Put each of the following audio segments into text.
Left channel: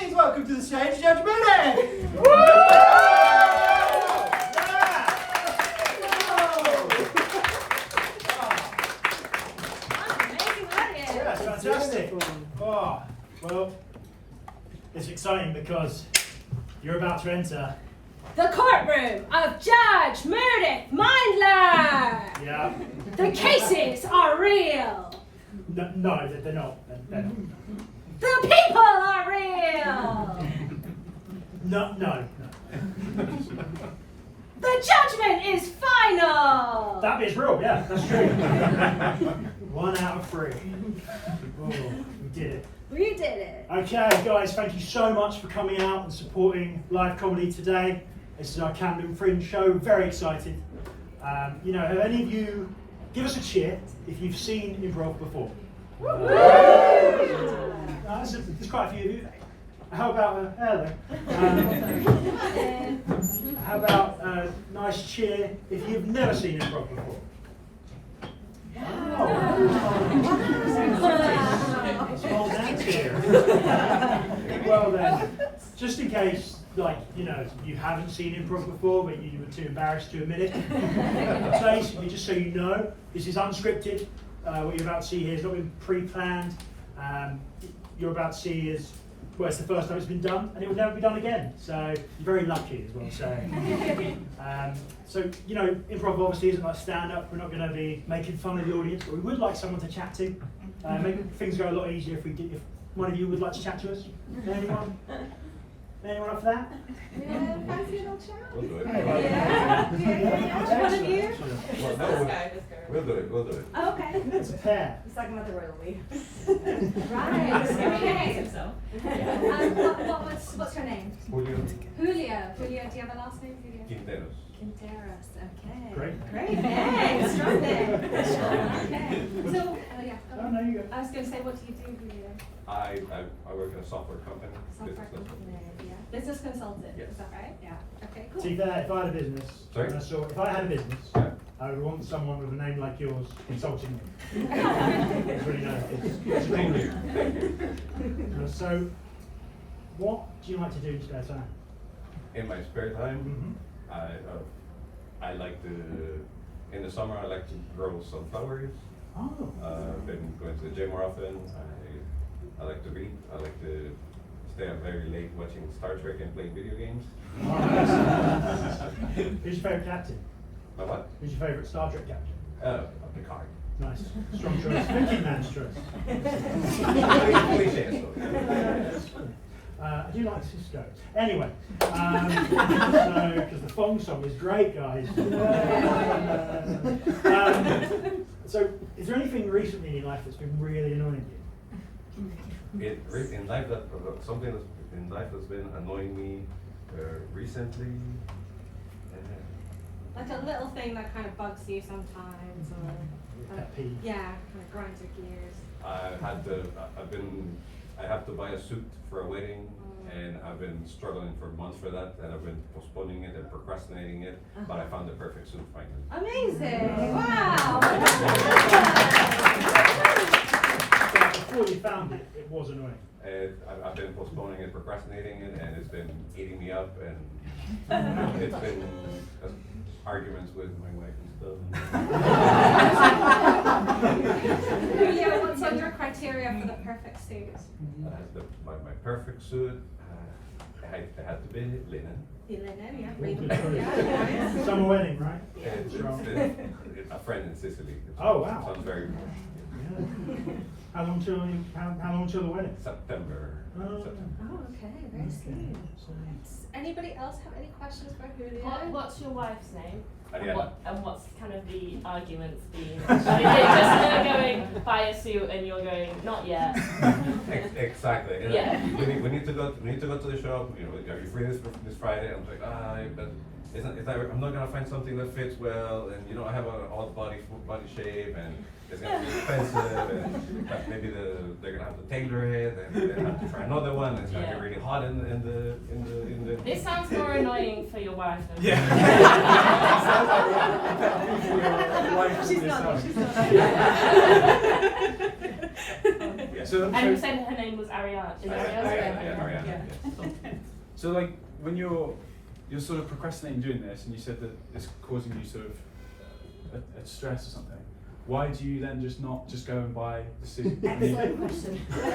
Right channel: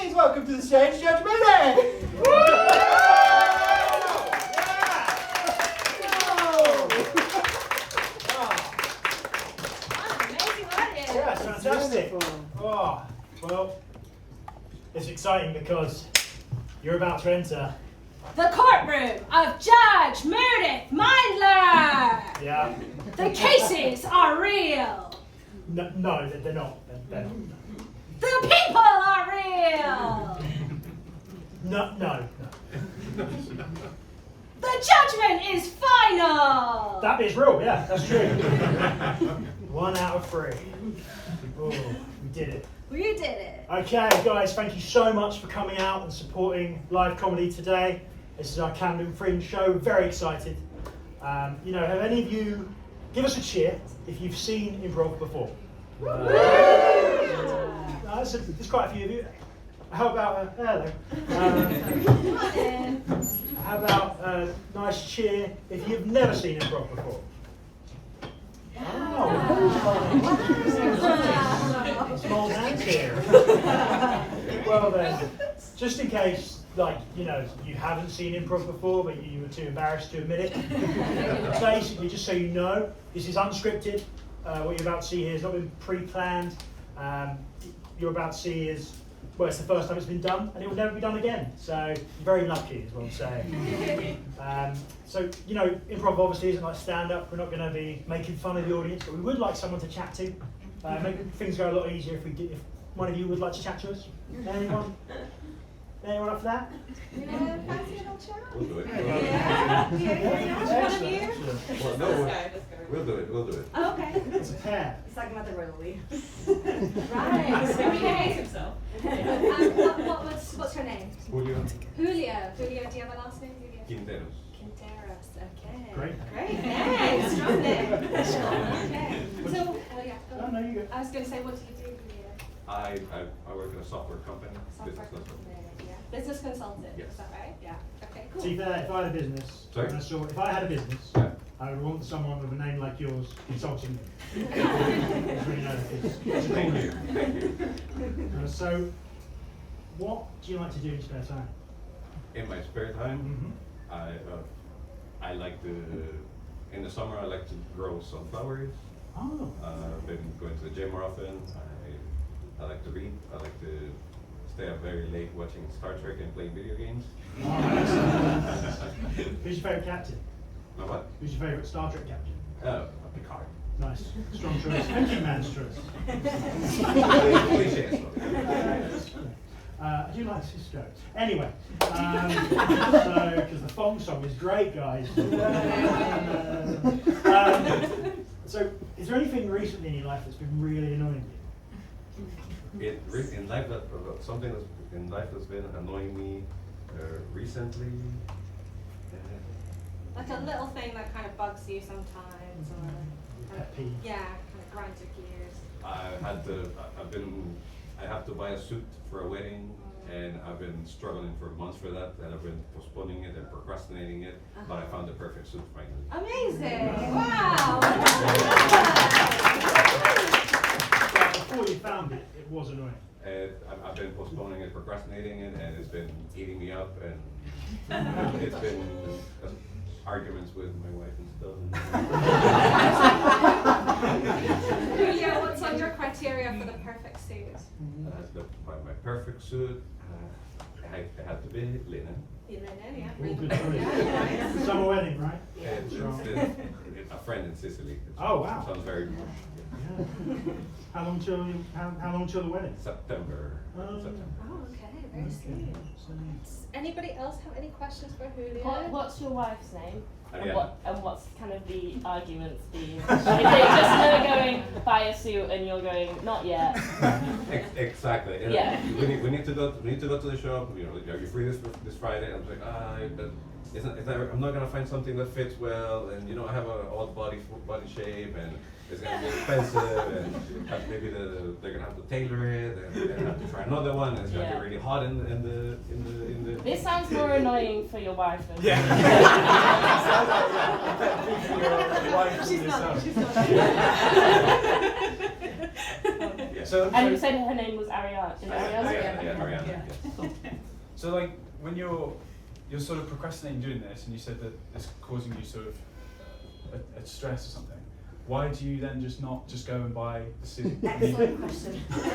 Please welcome to the stage, Judge Moody! Yeah, it's fantastic. Oh, well, it's exciting because you're about to enter the courtroom of Judge Meredith Mindler! Yeah. The cases are real! No, they're not. They're not. The people are real! No. The judgment is final! That bit's real, yeah, that's true. 1 out of 3. Oh, we did it. We did it. Okay, guys, thank you so much for coming out and supporting live comedy today. This is our Camden Fringe show. Very excited. Have any of you, give us a cheer if you've seen improv before. There's quite a few of you. How about hello? How about a nice cheer if you've never seen improv before? Small hands here. Well then, just in case, you haven't seen improv before, but you were too embarrassed to admit it. Basically, just so you know, this is unscripted. What you're about to see here has not been pre-planned. You're about to see is, well, it's the first time it's been done, and it will never be done again. So you're very lucky, is what I'm saying. Improv obviously isn't like stand-up. We're not going to be making fun of the audience, but we would like someone to chat to. Make things go a lot easier if one of you would like to chat to us. Anyone? Anyone up for that? Yeah, fancy a little chat? We'll do it. Yeah. One of you? We'll do it. Oh, okay. It's a pair. He's talking about the royal leave. Right. Okay. Himself. What's her name? Julio Julia. Julia, do you have a last name? Julia? Quinteros. Quinteros. Okay. Great. Great name. Strong name. Okay. So, Oh, no, you go. I was going to say, what do you do, Julia? I work in a software company. Software company. Yeah. Business consultant. Yes. Is that right? Yeah. Okay. Cool. See, if I had a business, Sorry? if I had a business, Yeah. I would want someone with a name like yours consulting me. It's really nice. It's a Thank thing. So, what do you like to do in spare time? In my spare time, I like to, in the summer I like to grow some flowers. Oh. I've been going to the gym more often. I like to read. I like to stay up very late watching Star Trek and playing video games. Oh, nice. Who's your favourite captain? My what? Who's your favourite Star Trek captain? Picard. Nice. Strong choice. Thinking man's choice. I do like Cisco. Anyway, because the Fong song is great, guys. So, is there anything recently in your life that's been really annoying you? In life, something in life that's been annoying me recently. Like a little thing that kind of bugs you sometimes, or Pet peeve. yeah, kind of grinds your gears. I have to buy a suit for a wedding, and I've been struggling for months for that, and I've been postponing it and procrastinating it, but I found the perfect suit finally. Amazing! Wow! But before you found it, it was annoying. I've been postponing it, procrastinating it, and it's been eating me up, and it's been arguments with my wife and stuff. Julia, what's on your criteria for the perfect suit? My perfect suit, it had to be linen. Linen, yeah. All good choice. Summer wedding, right? It's a friend in Sicily. Oh, wow. Sounds very posh. Yeah. How long till the wedding? September. Oh. Oh, okay, very soon. Anybody else have any questions for Julia? What's your wife's name? Ariana. And what's kind of the arguments being? Is it just her going buy a suit and you're going not yet? Exactly. And Yeah. we need to go to the shop. You're free this Friday. I'm like, but I'm not gonna find something that fits well, and I have an odd body shape, and it's gonna be expensive, and maybe they're gonna have to tailor it, and they have to try another one, and it's gonna be really hot in the. This sounds more annoying for your wife than She's not. And you said her name was Ariana. Is Ariana. Yeah. So like when you're sort of procrastinating doing this, and you said that it's causing you sort of a stress or something. Why do you then not just go and buy the suit? Excellent question. What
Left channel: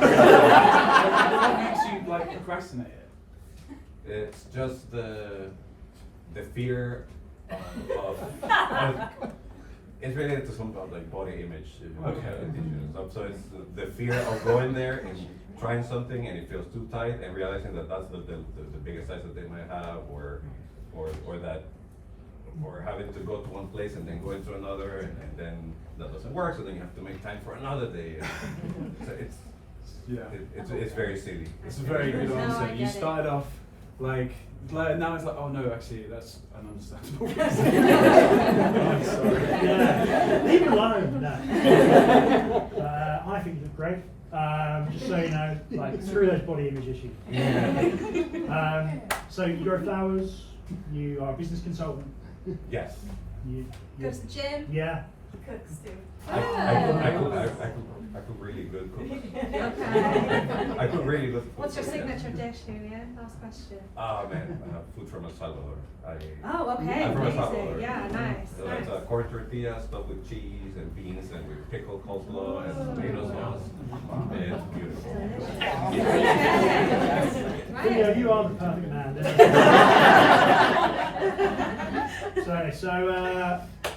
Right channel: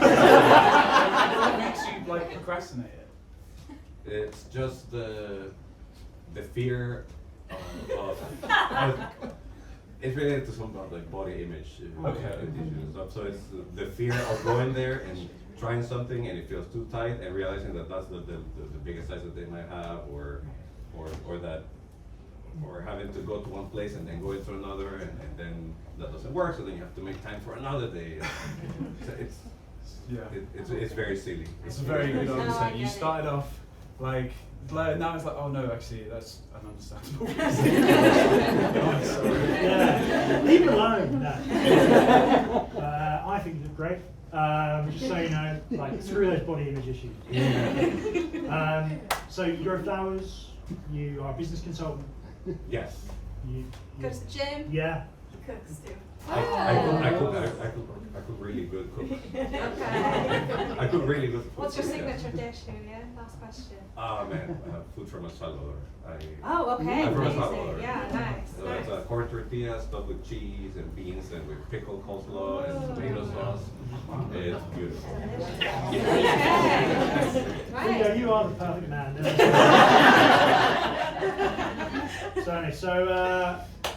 makes you like procrastinate it? It's just the fear of it's related to some of like body image issues and stuff. So it's the fear of going there and trying something and it feels too tight and realizing that that's not the biggest size that they might have, or having to go to one place and then going to another and then that doesn't work, so then you have to make time for another day. So it's very silly. It's a very good No, I answer. get You it. started off like now it's like, oh no, actually that's ununderstandable. Yeah, leave it alone. No. I think it's great. Just so you know, like screw those body image issues. So you're a flowers. You are a business consultant. Yes. You, Go to the gym. yeah. Cooks too. I cook really good cook. Okay. I cook really good food. What's your signature dish, Julia? Last question. Man, I have food from El Salvador. Oh, okay. I'm from El Amazing. Salvador. Yeah, nice. So it's a corn tortilla stuffed with cheese and beans and with pickle coleslaw and tomato sauce. It's beautiful. Julio, Right. you are the perfect man. So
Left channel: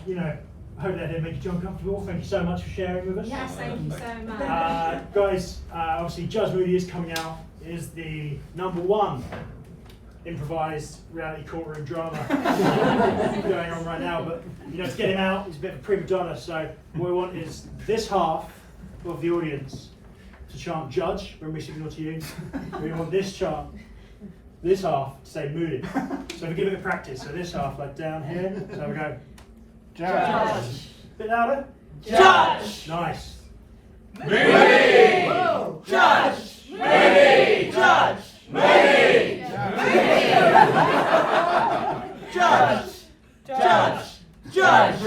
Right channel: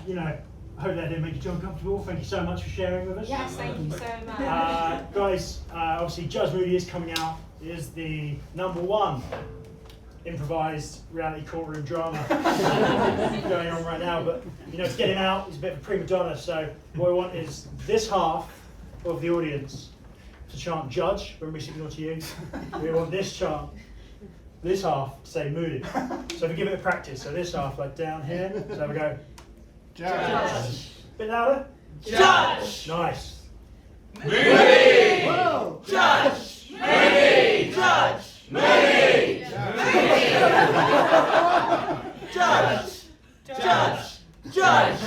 you know, I hope that didn't make you too uncomfortable. Thank you so much for sharing with us. Yes, thank you so much. Guys, obviously Judge Moody is coming out. It is the #1 improvised reality courtroom drama going on right now. But you know, to get him out, he's a bit of a prima donna. So what we want is this half of the audience to chant Judge when we signal to you. We want this half to say Moody. So we give it a practice. So this half, like down here. So we go Judge. Bit louder. Judge. Nice. Moody. Judge. Moody. Judge. Moody. Judge. Judge. Judge.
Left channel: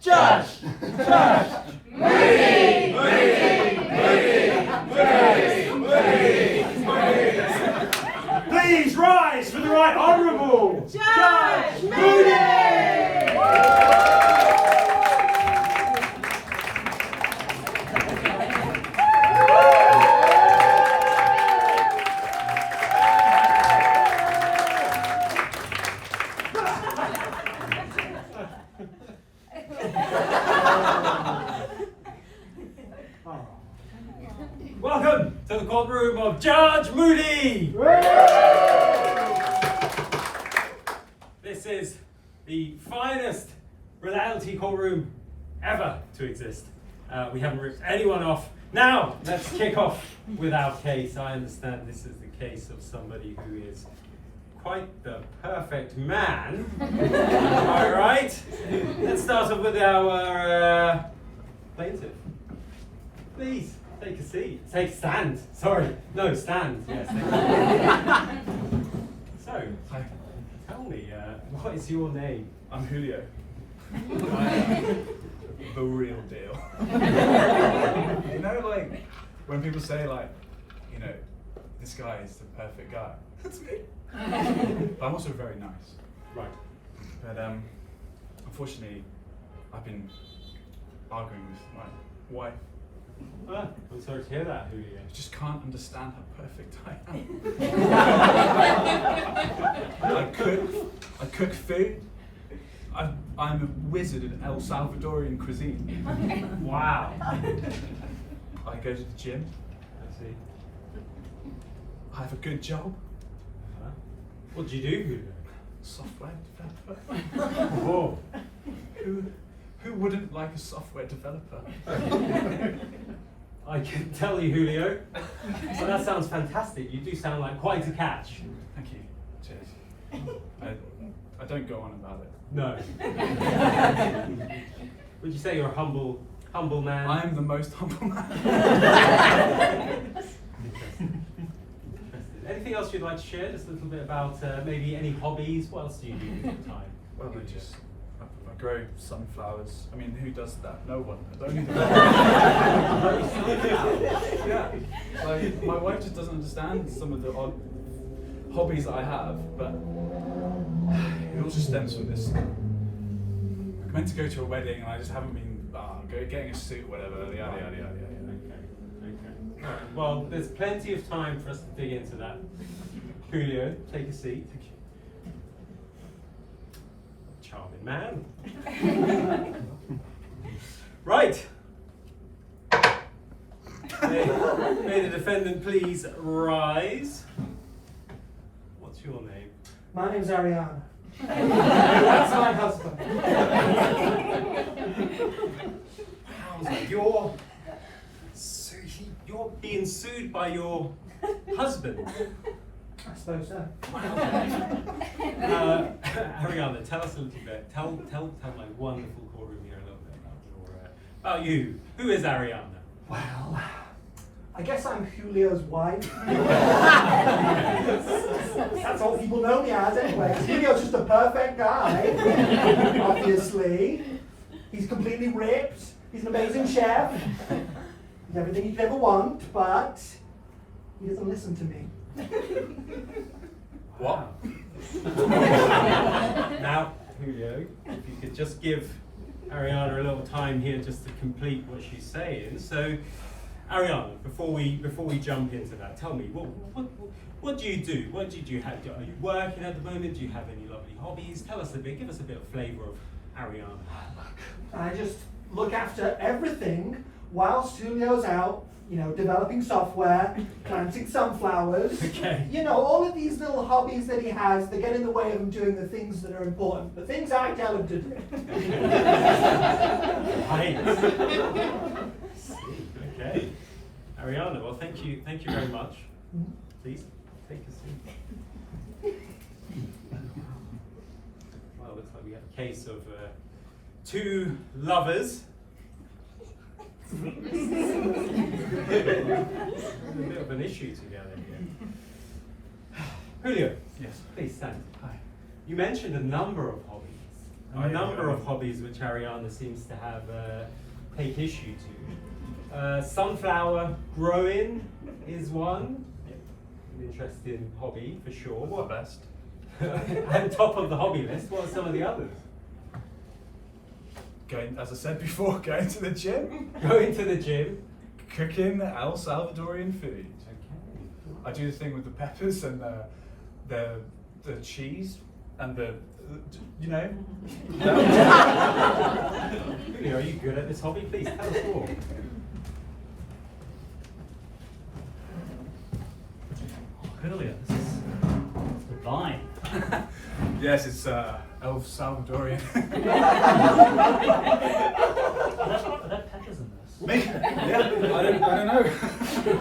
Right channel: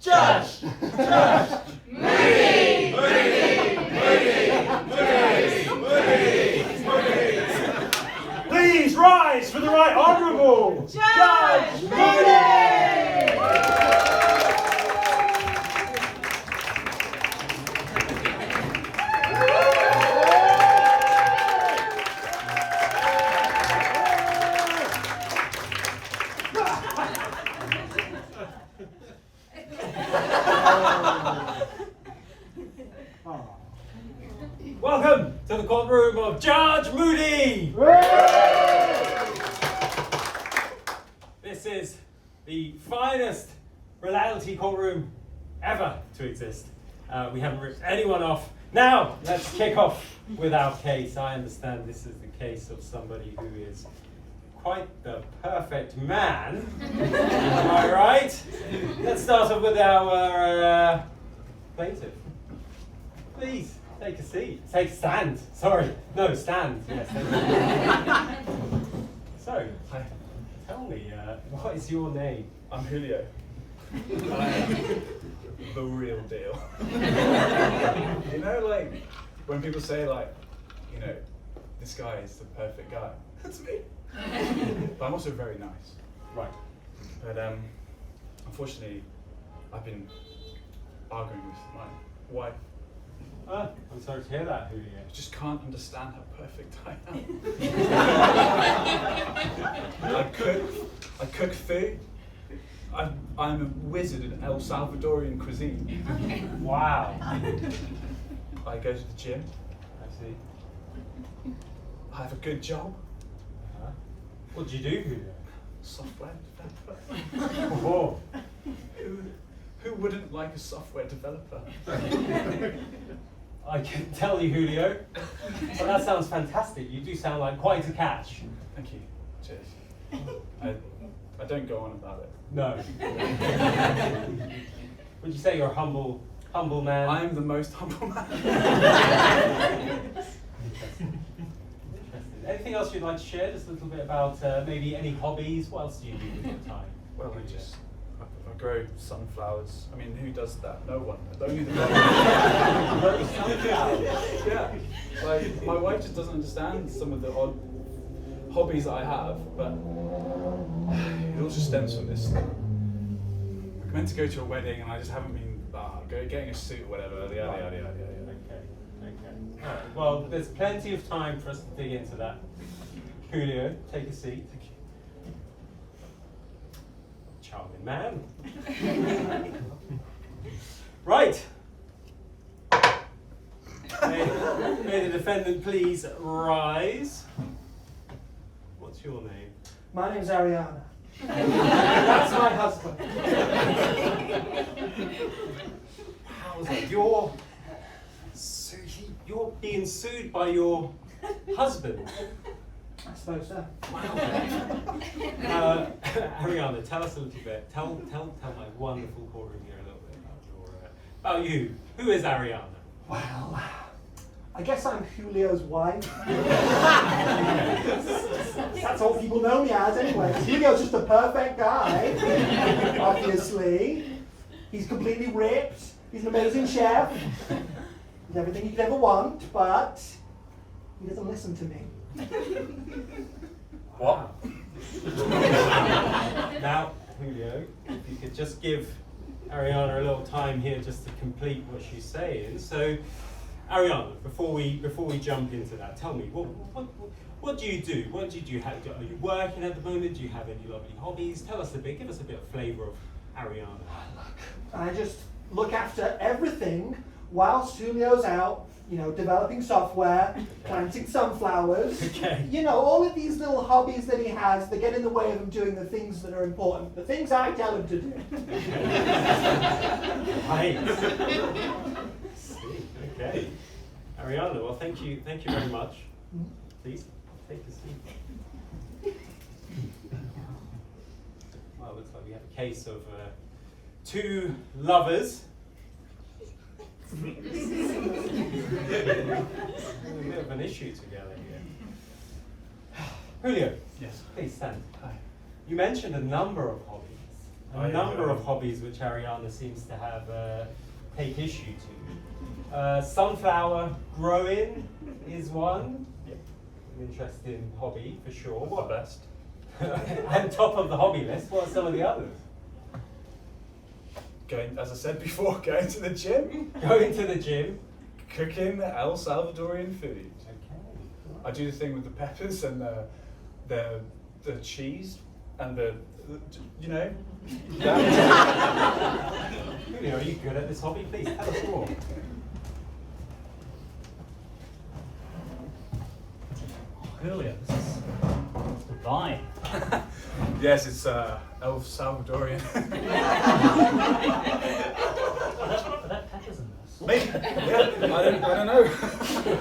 Judge. Judge. Moody. Please rise for the Right Honourable Judge Moody. Welcome to the courtroom of Judge Moody! This is the finest reality courtroom ever to exist. We haven't ripped anyone off. Now, let's kick off with our case. I understand this is the case of somebody who is quite the perfect man. All right? Let's start off with our plaintiff. Please. Take a seat. Stand. Sorry. No, stand. Yes. So, tell me, what is your name? I'm Julio. The real deal. You know, like when people say, like, you know, this guy is the perfect guy. That's me. But I'm also very nice. Right. But unfortunately, I've been arguing with my wife. I'm sorry to hear that, Julio. I just can't understand how perfect I am. I cook food. I'm a wizard in El Salvadorian cuisine. Wow. I go to the gym. I see. I have a good job. What do you do, Julio? Software developer. Oh. Who wouldn't like a software developer? I can tell you, Julio. Well, that sounds fantastic. You do sound like quite a catch. Thank you. Cheers. I don't go on about it. No. Would you say you're a humble man? I am the most humble man. Interesting. Anything else you'd like to share? Just a little bit about maybe any hobbies. What else do you do with your time? Well, I grow sunflowers. I mean, who does that? No one. Only the yeah. Like, my wife just doesn't understand some of the odd hobbies that I have, but it all just stems from this. We're meant to go to a wedding, and I just haven't been getting a suit or whatever. Yada yada yada. Okay. All right. Well, there's plenty of time for us to dig into that. Julio, take a seat. Charming man. Right. May the defendant please rise. What's your name? My name's Ariana. That's my husband. Wowza, you're being sued by your husband. I suppose so. Ariana, tell us a little bit. Tell my wonderful courtroom here a little bit about you. Who is Ariana? Well, I guess I'm Julio's wife. That's all people know me as anyway. Julio's just a perfect guy, obviously. He's completely ripped. He's an amazing chef. He's everything you could ever want, but he doesn't listen to me. What? Now, Julio, if you could just give Ariana a little time here just to complete what she's saying. So, Ariana, before we jump into that, tell me, what do you do? What did you have? Are you working at the moment? Do you have any lovely hobbies? Tell us a bit. Give us a bit of flavour of Ariana. I just look after everything whilst Julio's out, developing software, planting sunflowers. Okay. All of these little hobbies that he has that get in the way of him doing the things that are important, the things I tell him to do. Right. Okay. Ariana, well, thank you very much. Please, take a seat. Well, looks like we have a case of two lovers. A bit of an issue together here. Julio, Yes. please stand. Hi. You mentioned a number of hobbies. Oh, A yeah, number yeah. of hobbies which Ariana seems to have take issue to. Sunflower growing is one. An interesting hobby for sure. The best. And top of the hobby list, what are some of the others? As I said before, going to the gym, Going to the gym. cooking El Salvadorian food. I do the thing with the peppers and the cheese and Julio, are you good at this hobby? Please tell us more. Julio, this is goodbye. Yes, it's El Salvadorian. Are there peppers in this? Maybe, yeah, I don't know.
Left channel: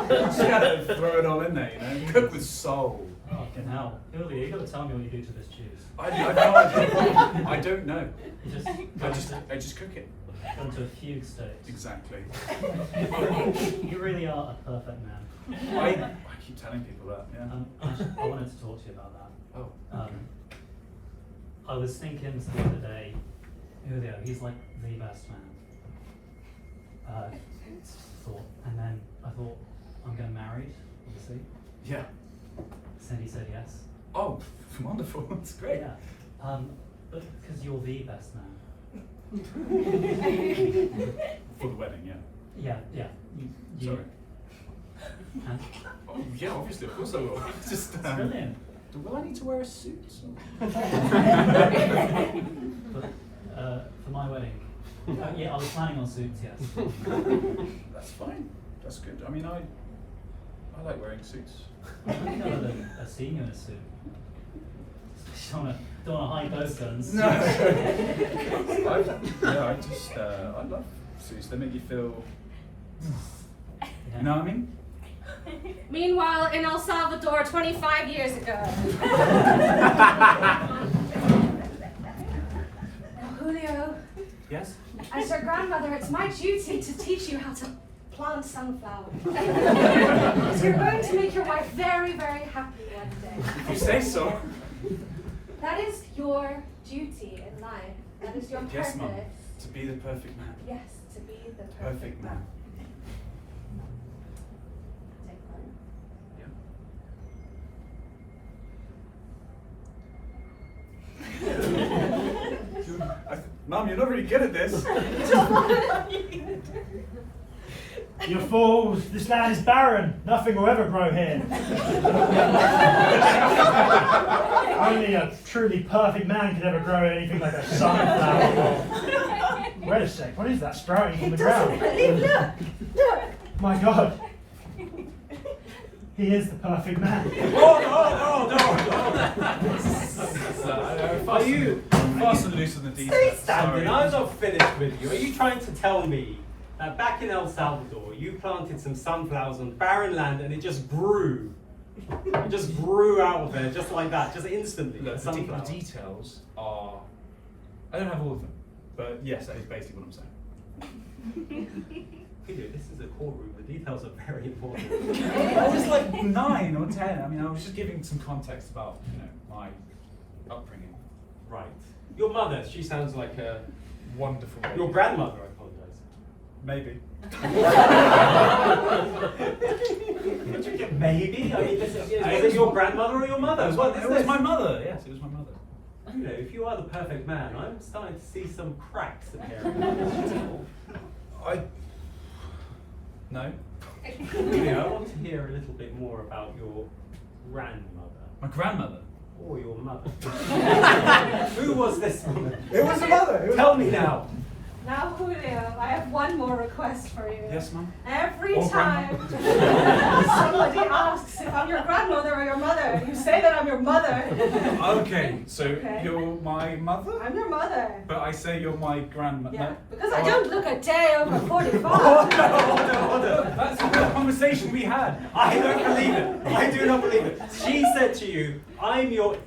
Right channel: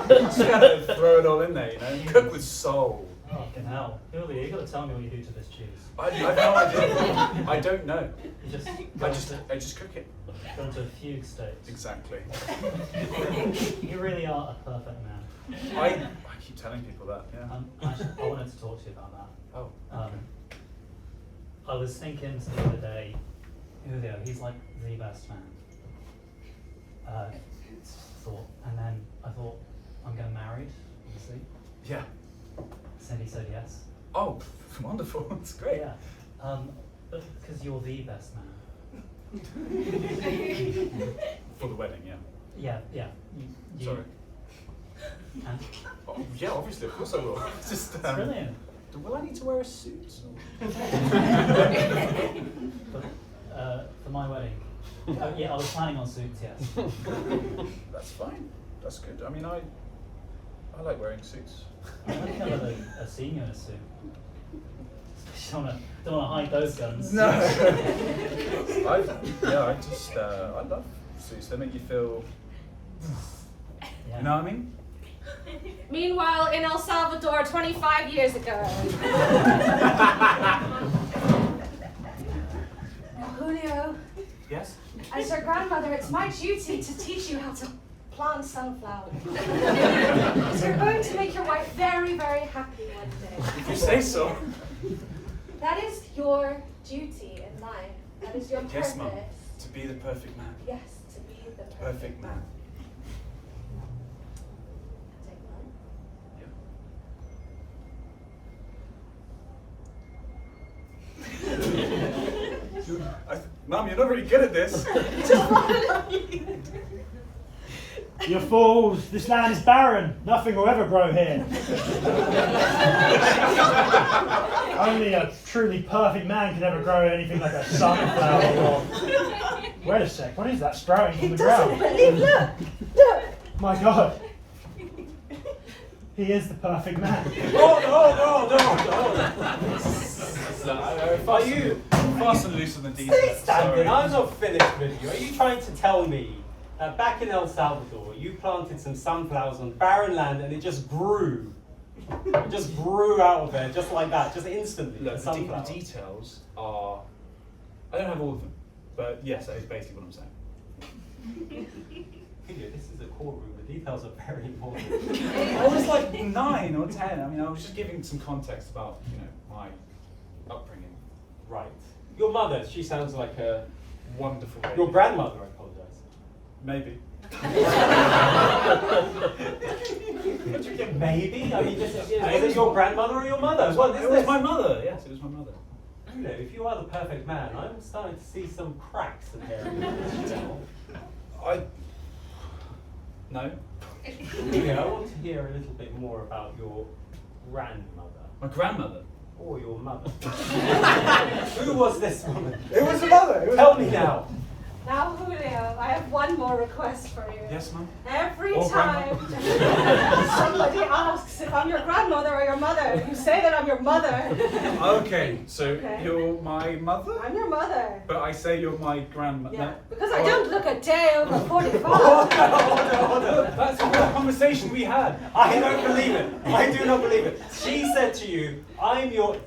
Just gotta throw it all in there, Cook with soul. Fucking hell. Julio, you gotta tell me what you do to this cheese. I have no idea. I don't know. You just I just cook it. put into a fugue state. Exactly. You really are a perfect man. I keep telling people that, yeah. I wanted to talk to you about that. Oh. I was thinking the other day, Julio, he's like the best man. And then I thought, I'm getting married, obviously. Yeah. Cindy said yes. Oh, wonderful. That's great. Yeah. But because you're the best man. For the wedding, yeah. Yeah. You, Sorry. And Oh, yeah, obviously, of course I will. It's just, it's brilliant. will I need to wear a suit? But for my wedding, yeah, I was planning on suits, yes. That's fine. That's good. I mean, I like wearing suits. I think I love a senior in a suit. Don't want to hide those guns. No. I love suits. They make you feel. Yeah. You know what I mean? Meanwhile, in El Salvador 25 years ago. Julio, Yes? as your grandmother, it's my duty to teach you how to plant sunflowers. You're going to make your wife very, very happy one day. If you say so. That is your duty in life. That is your purpose. Yes, Mum. To be the perfect man. Yes, to be the Perfect man. Take one. Mum, you're not really good at this. You fools, this land is barren. Nothing will ever grow here. Only a truly perfect man can ever grow anything like a sunflower. Wait a sec, what is that sprouting from the ground? Look! My God. He is the perfect man. No. Are you fast and loose on the details? Stay standing. Sorry. I'm not finished with you. Are you trying to tell me that back in El Salvador, you planted some sunflowers on barren land and it just grew? It just grew out of there, just like that, just instantly. Look, the Sunflowers. details are. I don't have all of them, but yes, that is basically what I'm saying. Peter, this is a courtroom. The details are very important. I was like 9 or 10. I mean, I was just giving some context about, my upbringing. Right. Your mother, she sounds like a... Wonderful. Your grandmother, I apologise. Maybe. Maybe? I mean, is it your grandmother or your mother? What is It was this? my mother. Yes, it was my mother. If you are the perfect man, I'm starting to see some cracks in here. No. I want to hear a little bit more about your grandmother. My grandmother. Or your mother. Who was this woman? It was your mother. Tell me now. Now, Julio, I have one more request for you. Yes, Mum. Every Or time somebody asks if I'm your grandmother or your mother, you say that I'm your mother. Okay, so Okay. you're my mother? I'm your mother. But I say you're my grandmother. Yeah, No. because I don't look a day over 45. That's the conversation we had. I don't believe it. I do not believe it. She said to you, I'm your...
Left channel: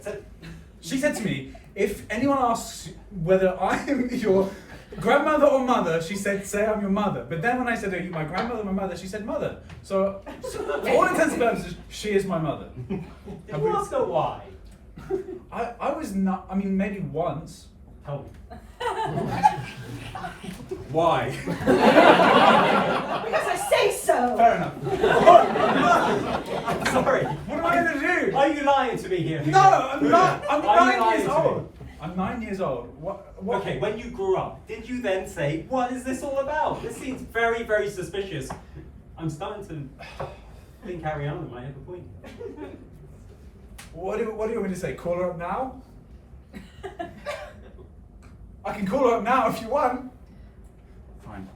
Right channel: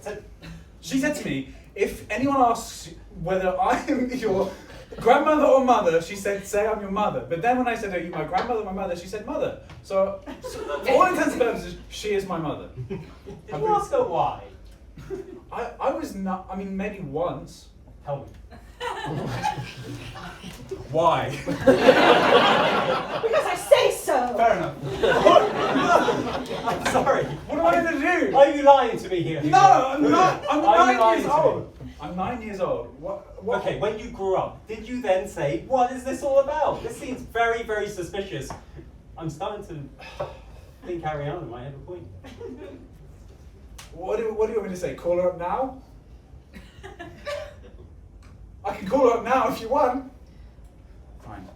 She said to me, if anyone asks whether I am your grandmother or mother, she said, say I'm your mother. But then when I said, are you my grandmother or my mother, she said mother. So, for all intents and purposes, she is my mother. Did you ask her why? I was not, I mean, maybe once. Tell me. Why? Because I say so. Fair enough. I'm sorry. What am I going to do? Are you lying to me here? No, I'm not. I'm Are you 9 lying years to me? old. I'm 9 years old. What? Okay, when you grew up, did you then say, what is this all about? This seems very, very suspicious. I'm starting to think Ariana might have a point. What do you want me to say? Call her up now? I can call her up now if you want. Fine.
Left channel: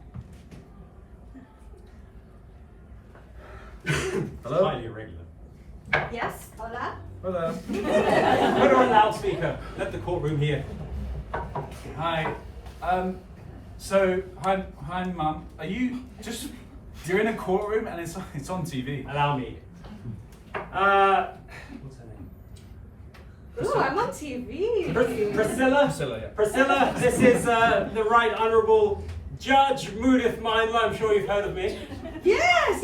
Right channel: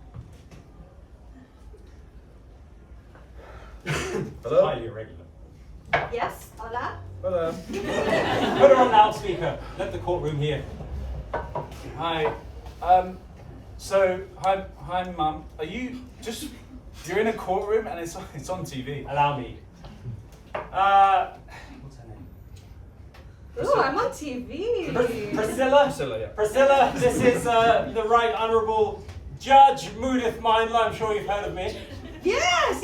Hello? Highly irregular. Yes, hola. Hello. Put her on loudspeaker. Let the courtroom hear. Hi. So, hi, Mum. Are you just... You're in a courtroom and it's on TV. Allow me. What's her name? Ooh, I'm on TV. Priscilla? Priscilla, yeah. Priscilla, this is the Right Honourable Judge Moodith Mindler. I'm sure you've heard of me. Yes.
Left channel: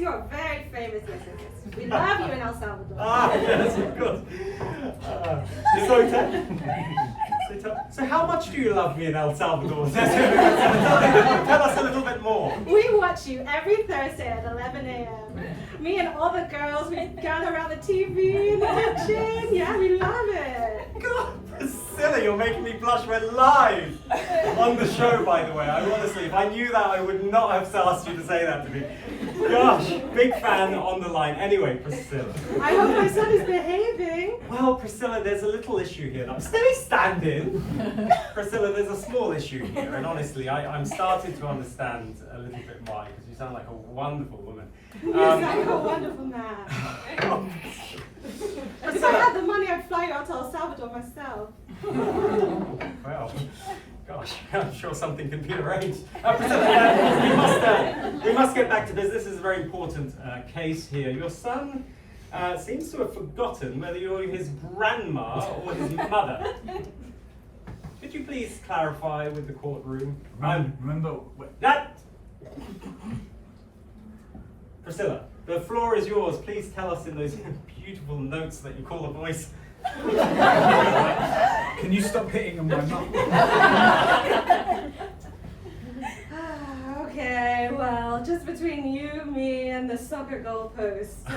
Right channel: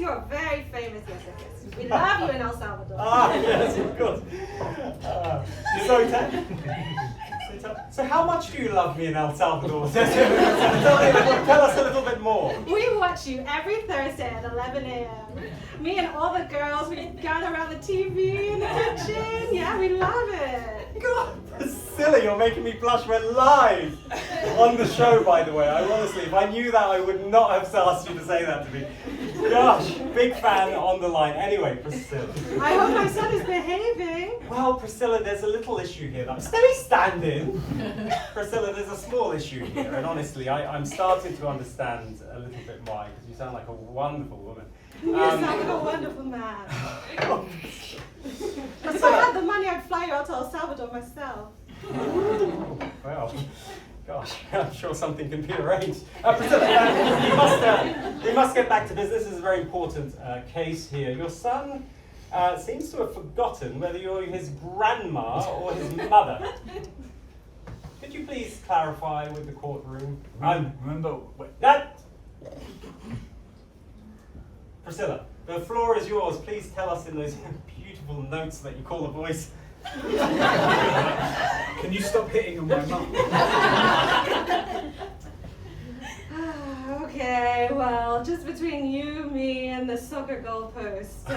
You are very famous. Yes. We love you in El Salvador. Ah, yes, of course. So how much do you love me in El Salvador? Tell us a little bit more. We watch you every Thursday at 11 a.m. Me and all the girls, we gather around the TV and watching. Yeah, we love it. God, Priscilla, you're making me blush. We're live on the show, by the way. I honestly, if I knew that, I would not have asked you to say that to me. Gosh, big fan on the line. Anyway, Priscilla. I hope my son is behaving. Well, Priscilla, there's a little issue here. Stay standing. Priscilla, there's a small issue here, and honestly, I'm starting to understand a little bit why, because you sound like a wonderful woman. You sound like a wonderful man. If I had the money, I'd fly you out to El Salvador myself. Well, gosh, I'm sure something can be arranged. Priscilla, we must get back to business. This is a very important case here. Your son seems to have forgotten whether you're his grandma or his mother. Could you please clarify with the courtroom? Remember... That. Priscilla, the floor is yours. Please tell us in those beautiful notes that you call a voice. Can you stop hitting on my mum? Okay, well, just between you, me, and the soccer goalpost,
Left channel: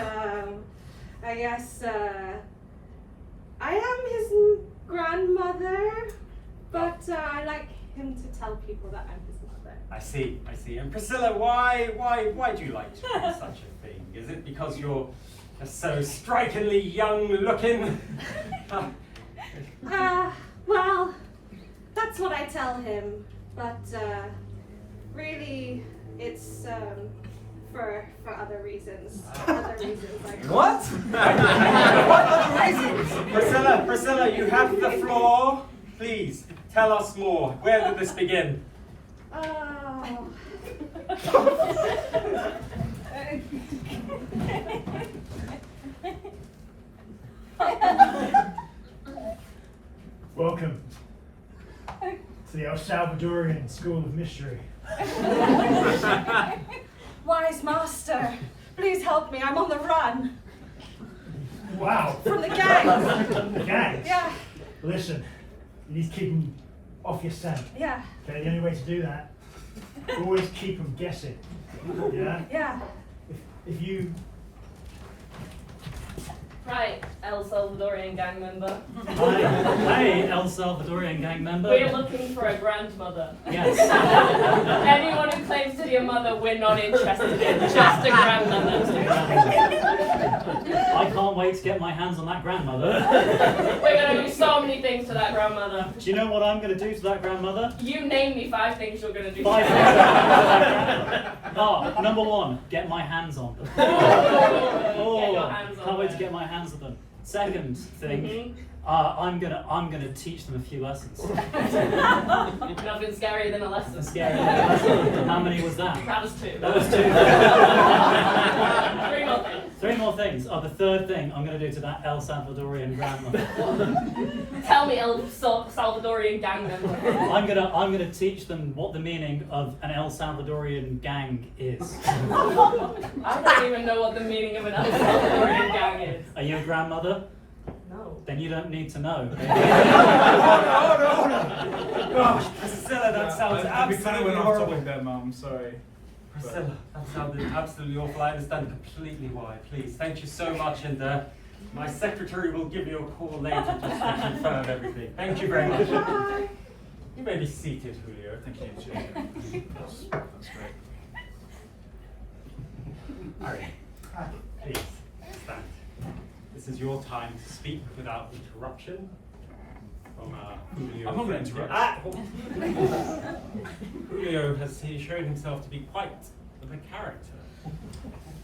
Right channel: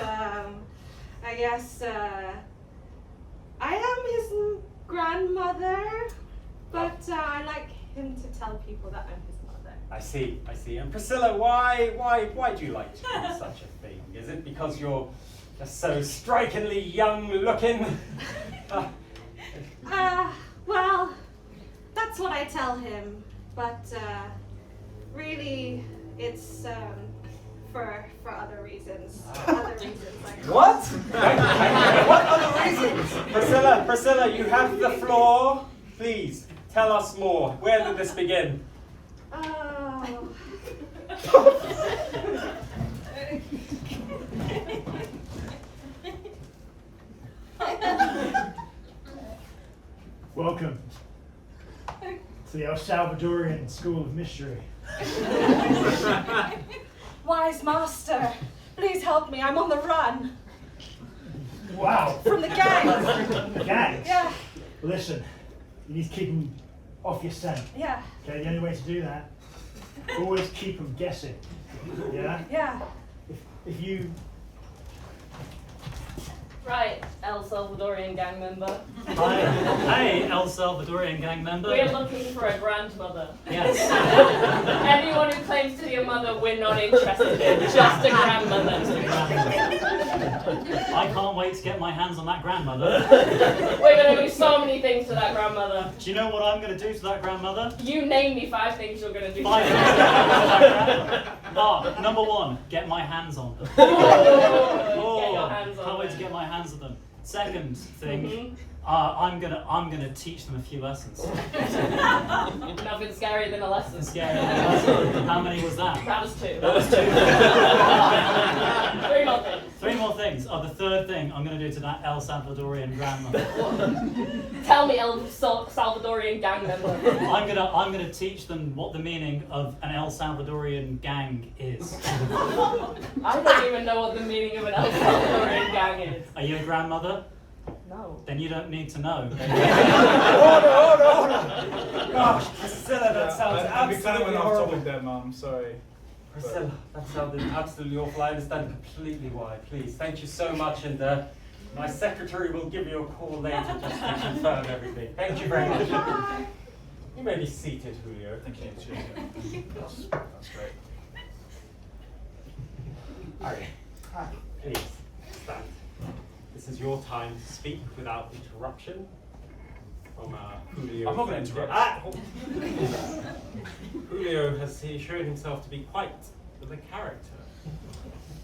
I guess I am his grandmother, but I like him to tell people that I'm his mother. I see. And Priscilla, why do you like to do such a thing? Is it because you're just so strikingly young looking? Well, that's what I tell him, but really, it's for other reasons. Other reasons like What? What other reasons? Priscilla, you have the floor. Please tell us more. Where did this begin? Oh. Welcome to the El Salvadorian School of Mystery. Wise master, please help me. I'm on the run Wow. from the gang. The gangs. Yeah, Listen, you need to keep them off your scent. yeah, Okay, the only way to do that, always keep them guessing. Yeah? yeah. If you... Right, El Salvadorian gang member. Hey, El Salvadorian gang member. We're looking for a grandmother. Yes. Anyone who claims to be a mother, we're not interested in. Just a grandmother. I can't wait to get my hands on that grandmother. We're going to do so many things to that grandmother. Do you know what I'm going to do to that grandmother? You name me 5 things you're going to do. 5 things. Oh, number 1, get my hands on them. Get your hands on Can't wait to them. get my hands on them. Second thing, Mhm. I'm gonna teach them a few lessons. Nothing scarier than a lesson. Scary lesson. How many was that? That was 2. That was 2. 3 more things. 3 more things. Oh, the third thing I'm gonna do to that El Salvadorian grandmother. Tell me, El Salvadorian gang member. I'm gonna teach them what the meaning of an El Salvadorian gang is. I don't even know what the meaning of an El Salvadorian gang is. Are you a grandmother? No. Then you don't need to know. Gosh, Priscilla, that sounds I'd be kind of absolutely went off horrible. topic there, Mum. Sorry. Priscilla, that sounded absolutely awful. I understand completely why. Please, thank you so much, and my secretary will give you a call later just to confirm everything. Thank you very much. You may be seated, Julio. Thank you. Cheers. That's great. Harry, please stand. This is your time to speak without interruption. From Julio. I'm not going to interrupt. Julio has shown himself to be quite the character.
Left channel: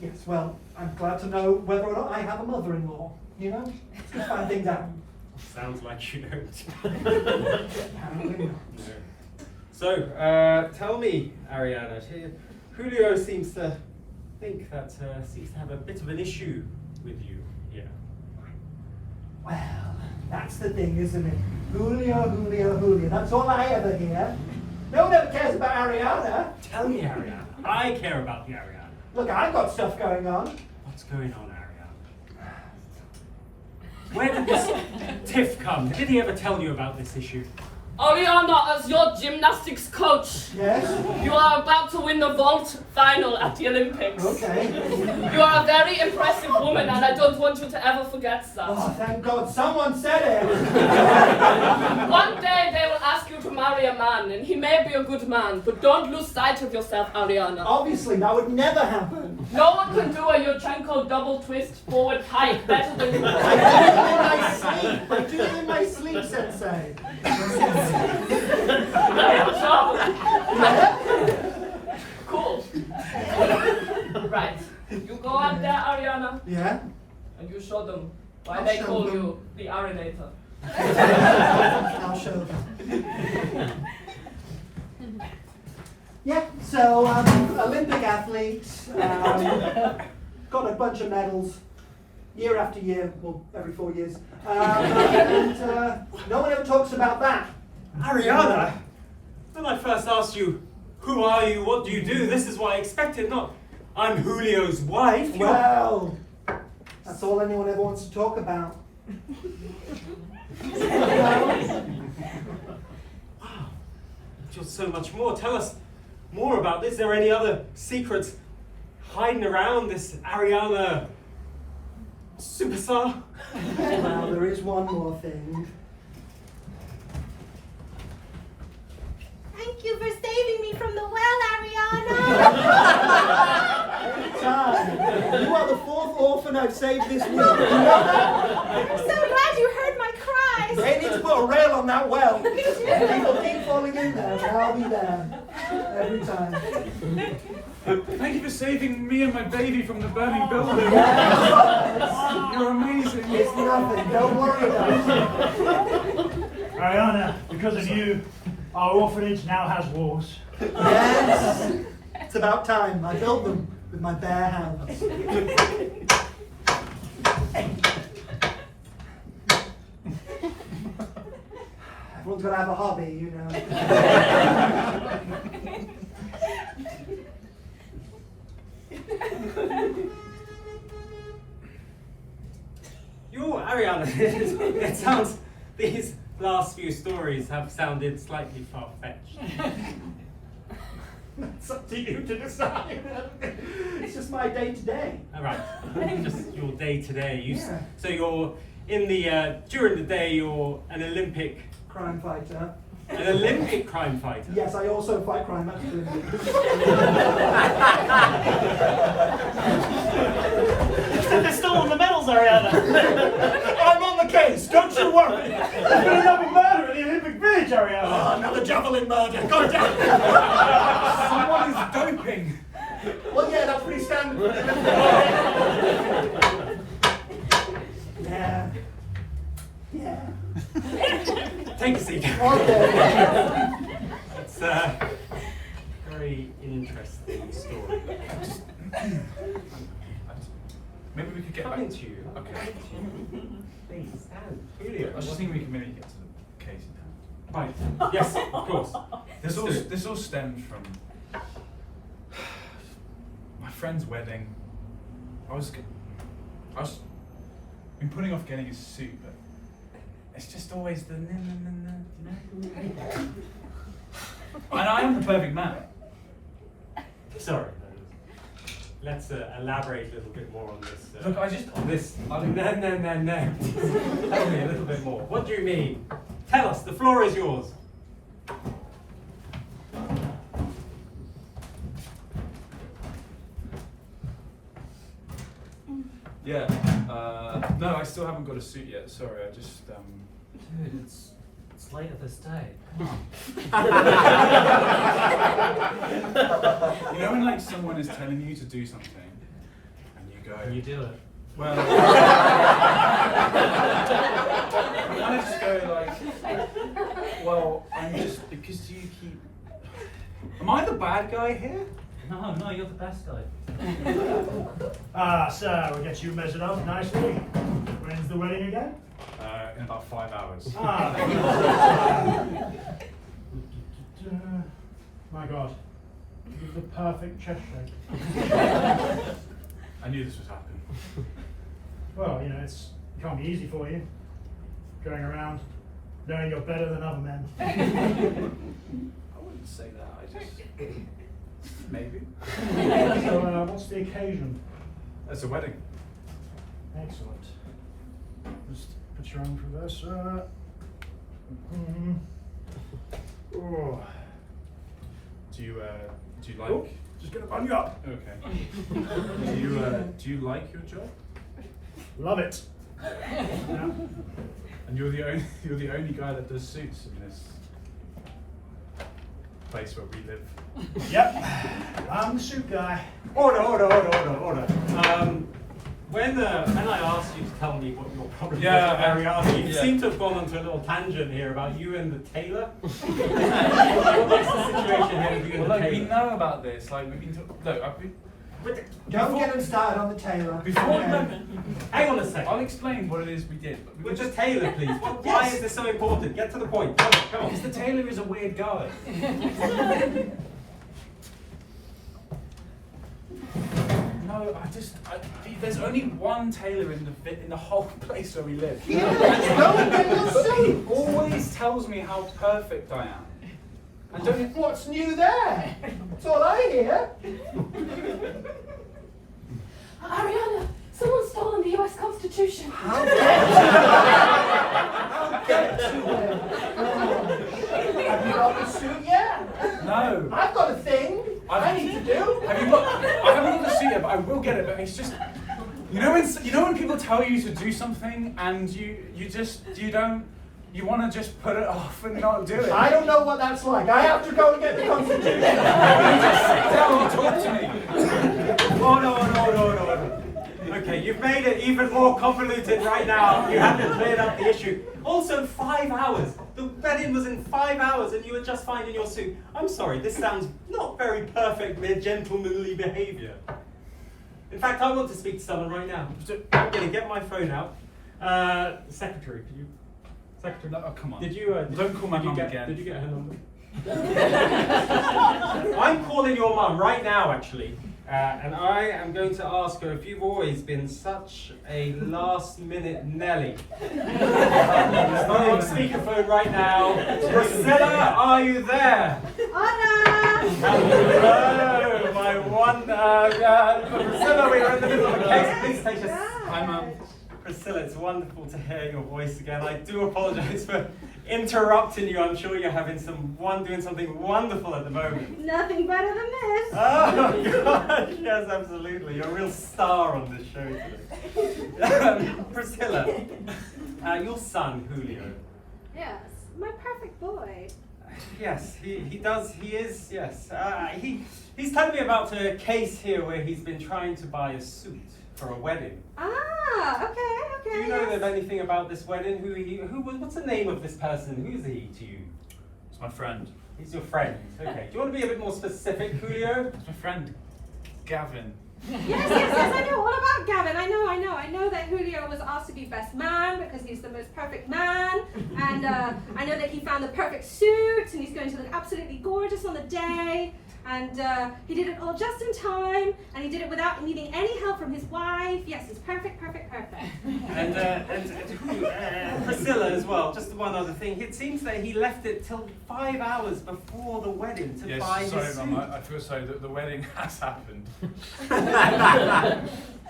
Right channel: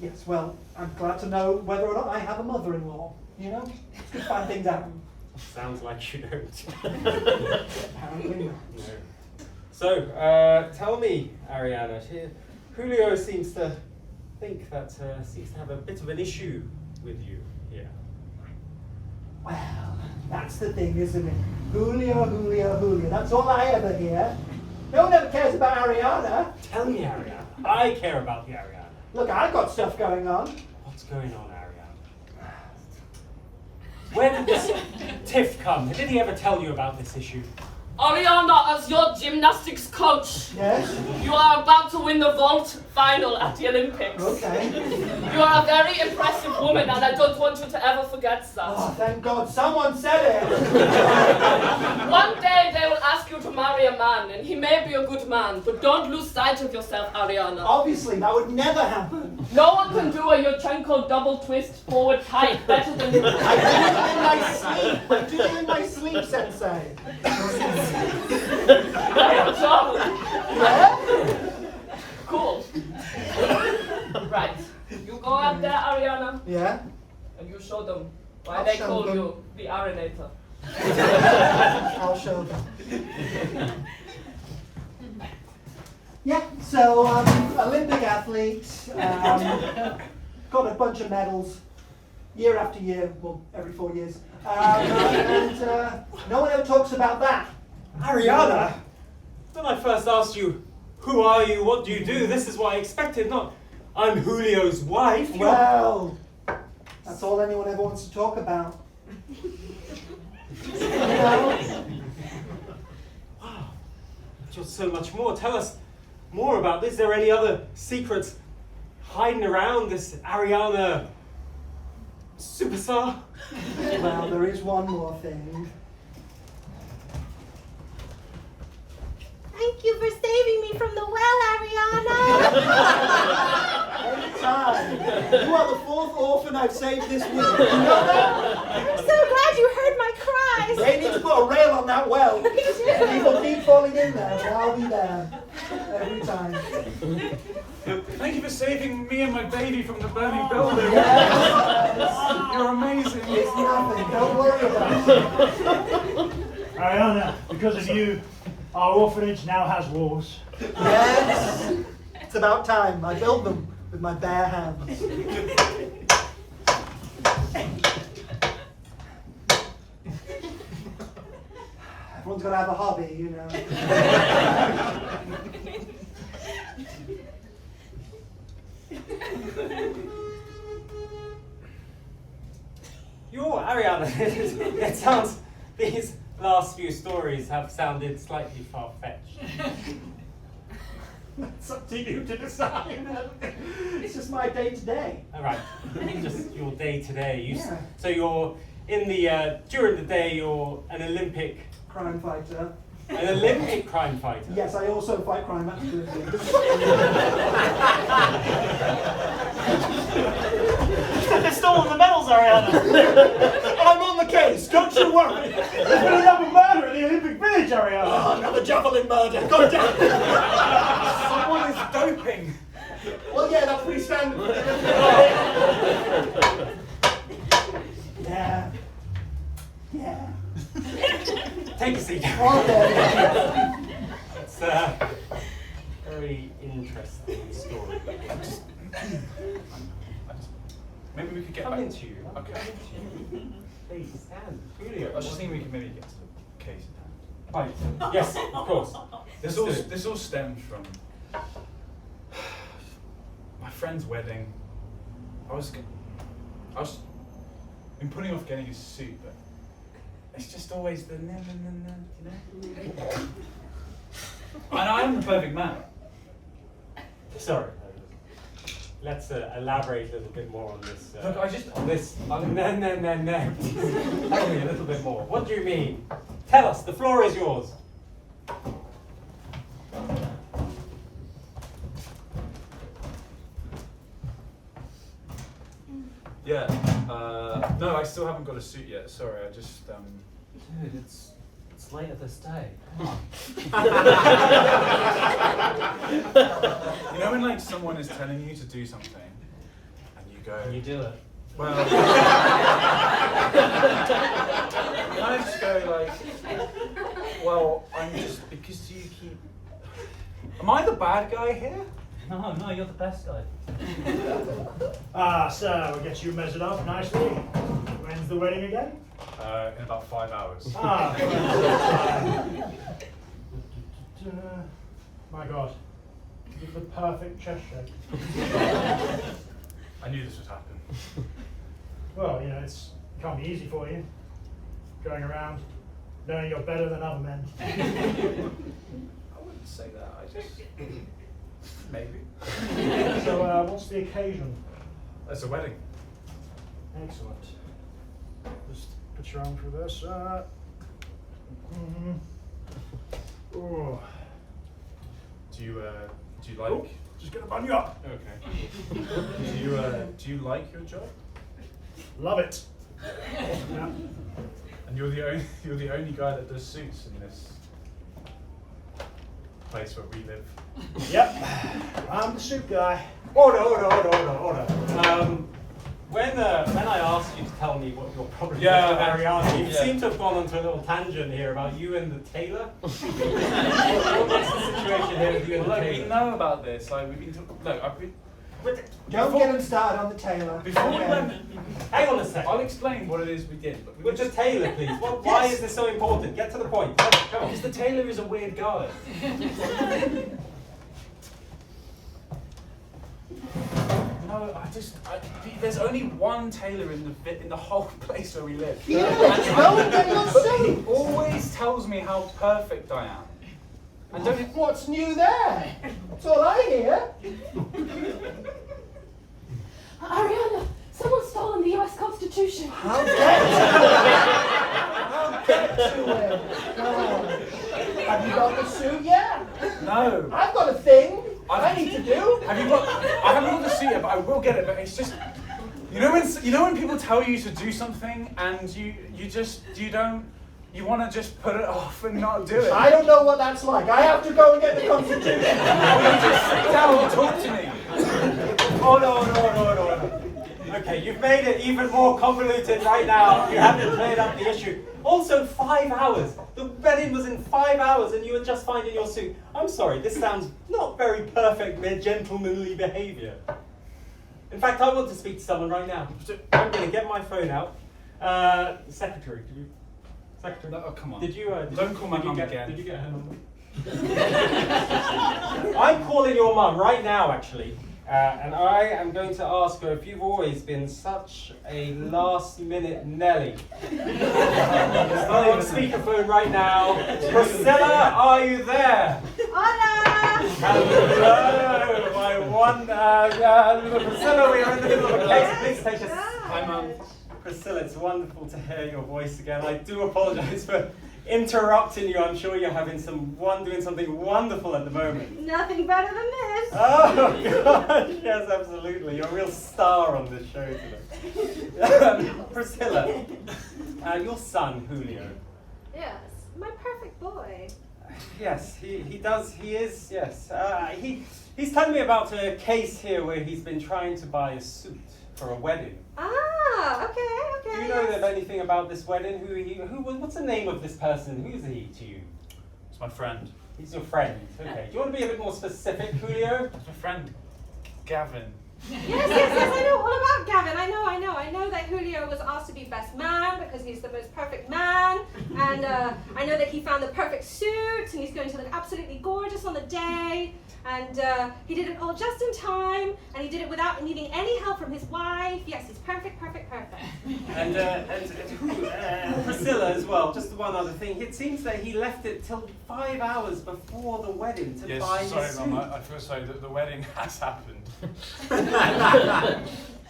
Yes, well, I'm glad to know whether or not I have a mother-in-law. You know, just find things out. Sounds like you don't. Apparently not. No. So, tell me, Ariana, Julio seems to think that seems to have a bit of an issue with you here. Well, that's the thing, isn't it? Julio. That's all I ever hear. No one ever cares about Ariana. Tell me, Ariana. I care about the Ariana. Look, I've got stuff going on. What's going on, Ariana? Where did this tiff come? Did he ever tell you about this issue? Ariana, as your gymnastics coach, Yes? you are about to win the vault final at the Olympics. Okay. You are a very impressive woman, and I don't want you to ever forget that. Oh, thank God, someone said it. One day they will ask you to marry a man, and he may be a good man, but don't lose sight of yourself, Ariana. Obviously, that would never happen. No one can do a Yurchenko double twist forward tight better than you. I do it in my sleep, Sensei. I have trouble. Cool. Right. You go up there, Ariana, Yeah? and you show them why I'll they show call them. you the Arinator. I'll show them. Yeah, so Olympic athlete, got a bunch of medals, year after year, well, every 4 years. And no one ever talks about that. Ariana! When I first asked you, who are you, what do you do, this is what I expected, not I'm Julio's wife. You're... Well, that's all anyone ever wants to talk about. Wow, just so much more. Tell us more about this. Is there any other secrets hiding around this Ariana superstar? Well, there is one more thing. Thank you for saving me from the well, Ariana. Anytime. You are the 4th orphan I've saved this week. You know that? I'm so glad you heard my cries. They need to put a rail on that well. People keep falling in there, but I'll be there. Every time. Thank you for saving me and my baby from the burning building. Yes. You're amazing. It's nothing. Don't worry about it. Ariana, because of you, our orphanage now has walls. Yes. It's about time. I built them with my bare hands. Everyone's got to have a hobby, you know. Ariana, it sounds, these last few stories have sounded slightly far-fetched. It's up to you to decide. It's just my day-to-day. All right, just your day-to-day. Yeah. So you're in the, during the day, you're an Olympic Crime fighter. An Olympic crime fighter? Yes, I also fight crime at the Olympics. They're stolen the medals, Ariana. I'm on the case, don't you worry. There's been another murder in the Olympic Village, Ariana. Oh, another javelin murder. God damn it. Someone is doping. Well, yeah, that's pretty standard. Yeah. Yeah. Take a seat. Okay. It's a very interesting story. Maybe we could get Come back into you. Okay. Please, stand. Julio. I was just thinking we could maybe get to the case now. Right. Yes, of course. This Let's do it. all stems from my friend's wedding. I was been putting off getting a suit, but it's just always the no, you know. And I am the perfect man. Sorry. Let's elaborate a little bit more on this. Look, I just No. Tell me a little bit more. What do you mean? Tell us. The floor is yours. Yeah. No, I still haven't got a suit yet. Sorry, I just Dude, it's later this day. You know when like someone is telling you to do something and you go And you do it. well I just go like, well, I'm just because you keep. Am I the bad guy here? No, you're the best guy. So we get you measured up nicely. When's the wedding again? In about 5 hours. My God, you're the perfect chest shape. I knew this was happening. Well, you know, it can't be easy for you. Going around knowing you're better than other men. I wouldn't say that. I just maybe. So, what's the occasion? It's a wedding. Excellent. Just put your arm through this. Oh. Do you like? Oh, just get a bung up. Okay. Do you like your job? Love it. Yeah. And you're the only guy that does suits in this place where we live. Yep. I'm the suit guy. Order. When I asked you to tell me what your problem was with Ariana, you seem to have gone onto a little tangent here about you and the tailor. What's the situation here with you and the Look, we tailor? know about this. Like we've been. Look, I've been. Don't get him started on the tailor. Before we Okay. went, Hang on a second. I'll explain what it is we did. With the tailor, please. Why is this so important? Get to the point. Come on. Because the tailor is a weird guy. No, there's only one tailor in the whole place where we live. Go and get your But he suit. always tells me how perfect I am. And don't you, What's new there? That's all I hear. Ariana, someone's stolen the US Constitution. I'll get to him. Come on. Have you got the suit yet? No. I've got a thing I need to do. Have you got? I haven't got the suit yet, but I will get it. But it's just, you know when people tell you to do something and you don't. You want to just put it off and not do it. I don't know what that's like. I have to go and get the Constitution. You just sit down and talk to me. Oh no. Okay, you've made it even more convoluted right now. You haven't cleared up the issue. Also, 5 hours. The wedding was in 5 hours and you were just fine in your suit. I'm sorry, this sounds not very perfect, gentlemanly behaviour. In fact, I want to speak to someone right now. I'm going to get my phone out. Secretary, could you... Secretary, Oh, come on. did you... Don't call my did you mum get, again. Did you get her number? I'm calling your mum right now, actually. And I am going to ask her if you've always been such a last-minute Nelly. It's not on speakerphone right now. Priscilla, are you there? Hola! Hello, my one. Priscilla, we're in the middle of a case. Please take us. Hi, Mum. Priscilla, it's wonderful to hear your voice again. I do apologise for interrupting you. I'm sure you're having doing something wonderful at the moment. Nothing better than this. Oh gosh, yes, absolutely. You're a real star on this show today. Priscilla, your son Julio. Yes, my perfect boy. Yes, he is. Yes, he's telling me about a case here where he's been trying to buy a suit for a wedding. Ah, okay. Do you know of anything about this wedding? What's the name of this person? Who's he to you? It's my friend. He's your friend. Okay. Do you want to be a bit more specific, Julio? It's my friend, Gavin. Yes, I know all about Gavin. I know that Julio was asked to be best man because he's the most perfect man. And I know that he found the perfect suit and he's going to look absolutely gorgeous on the day. And he did it all just in time, and he did it without needing any help from his wife. Yes, he's perfect. And Priscilla as well. Just one other thing. It seems that he left it till 5 hours before the wedding to buy his suit. Sorry, Mum. I feel sorry that the wedding has happened.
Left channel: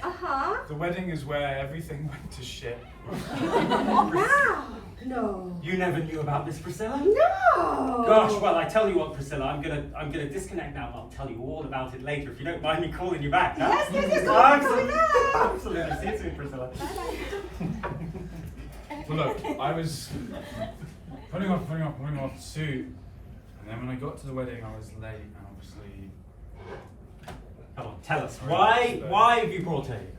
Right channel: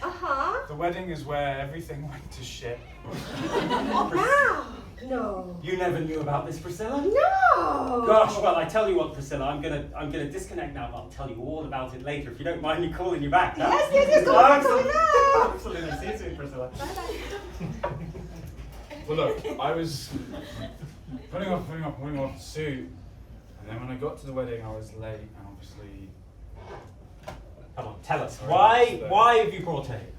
Uh-huh. The wedding is where everything went to shit. Wow. No. You never knew about this, Priscilla? No. Gosh, well, I tell you what, Priscilla, I'm gonna disconnect now and I'll tell you all about it later if you don't mind me calling you back. Huh? Yes, go Absolutely. now. Absolutely. See you soon, Priscilla. Well, look, I was putting off the suit, and then when I got to the wedding, I was late, obviously. Come on, tell us. Sorry. Why have you brought her here?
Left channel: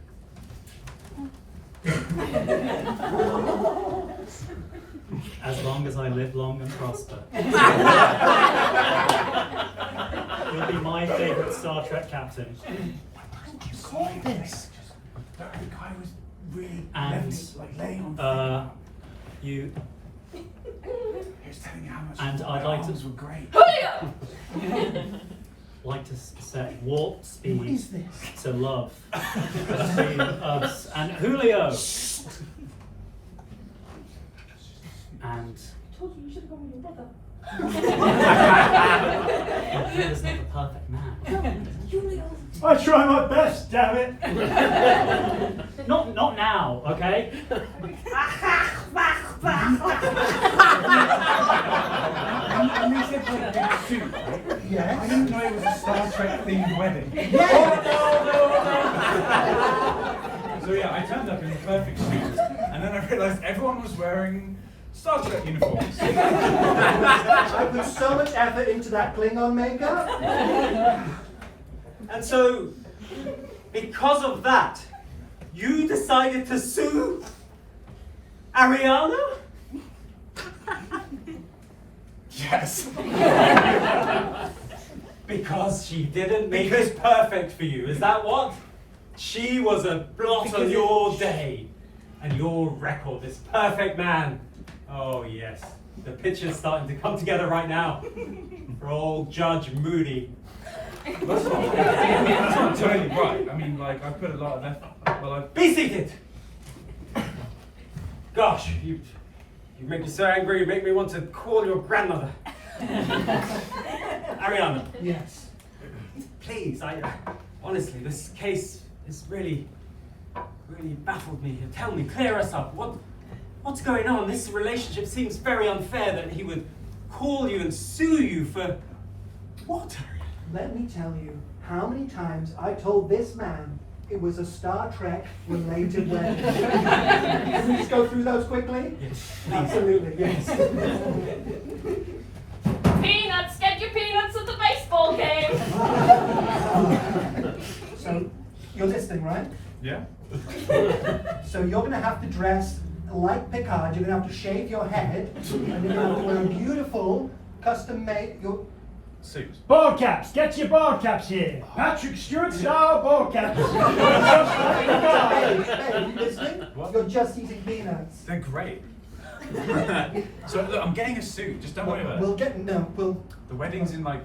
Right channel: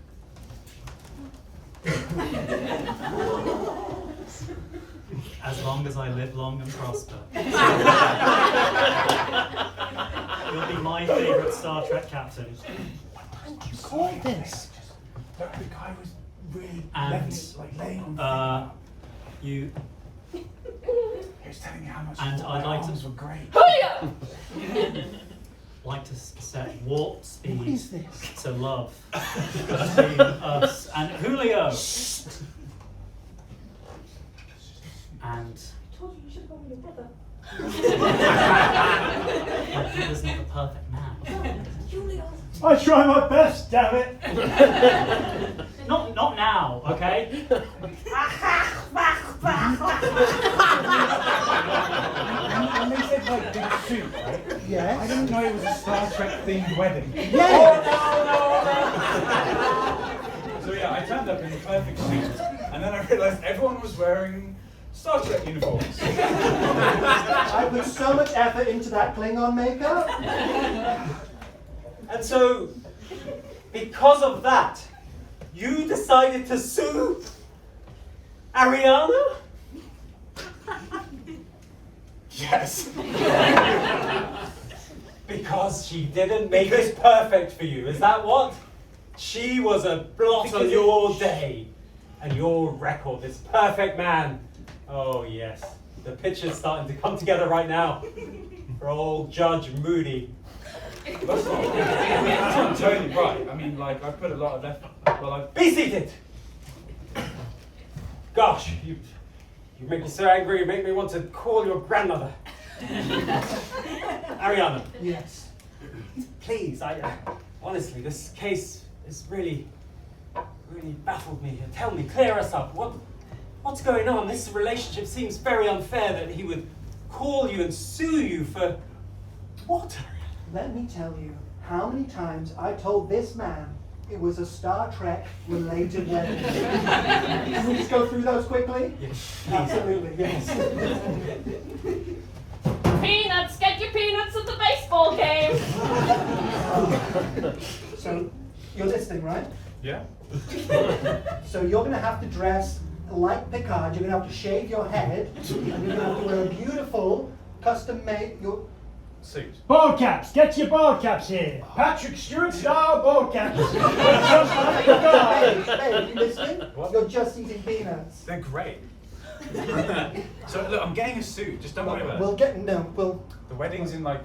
As long as I live long and prosper. You'll be my favourite Star Trek captain. Call this. The guy was really And laying on you he was telling me how much and I'd like to were great. Julio! like to set warp speed What is this? to love between us and Julio. And I told you should have gone with your brother. he is not the perfect man. Julio. I try my best, damn it. Not now, okay? When they said like big suit, right? Yes. I didn't know it was a Star Trek themed wedding. So yeah, I turned up in the perfect suit, and then I realised everyone was wearing Star Trek uniforms. I put so much effort into that Klingon makeup. And so, because of that, you decided to sue Ariana? Yes. Because she didn't make it perfect for you, is that what? She was a blot on your day and your record, this perfect man. Oh yes, the picture's starting to come together right now for old Judge Moody. That's not totally right. I mean, like, I put a lot of effort. Be seated! Gosh, you make me so angry, you make me want to call your grandmother. Ariana. Yes. Please, honestly, this case is really baffled me. Tell me, clear us up. What's going on? This relationship seems very unfair that he would call you and sue you for What? Let me tell you how many times I told this man it was a Star Trek related wedding. Can we just go through those quickly? Yes. Absolutely, yes. Peanuts, get your peanuts at the baseball game. So, you're listening, right? Yeah? So you're going to have to dress like Picard. You're going to have to shave your head, and you're going to have to wear a beautiful, custom-made. Suit. Ball caps, get your ball caps here. Patrick Stewart style ball caps. Just like the guy. Babe, you listening? What? You're just eating peanuts. They're great. So look, I'm getting a suit. Just don't worry about We'll it. get we'll. The wedding's in like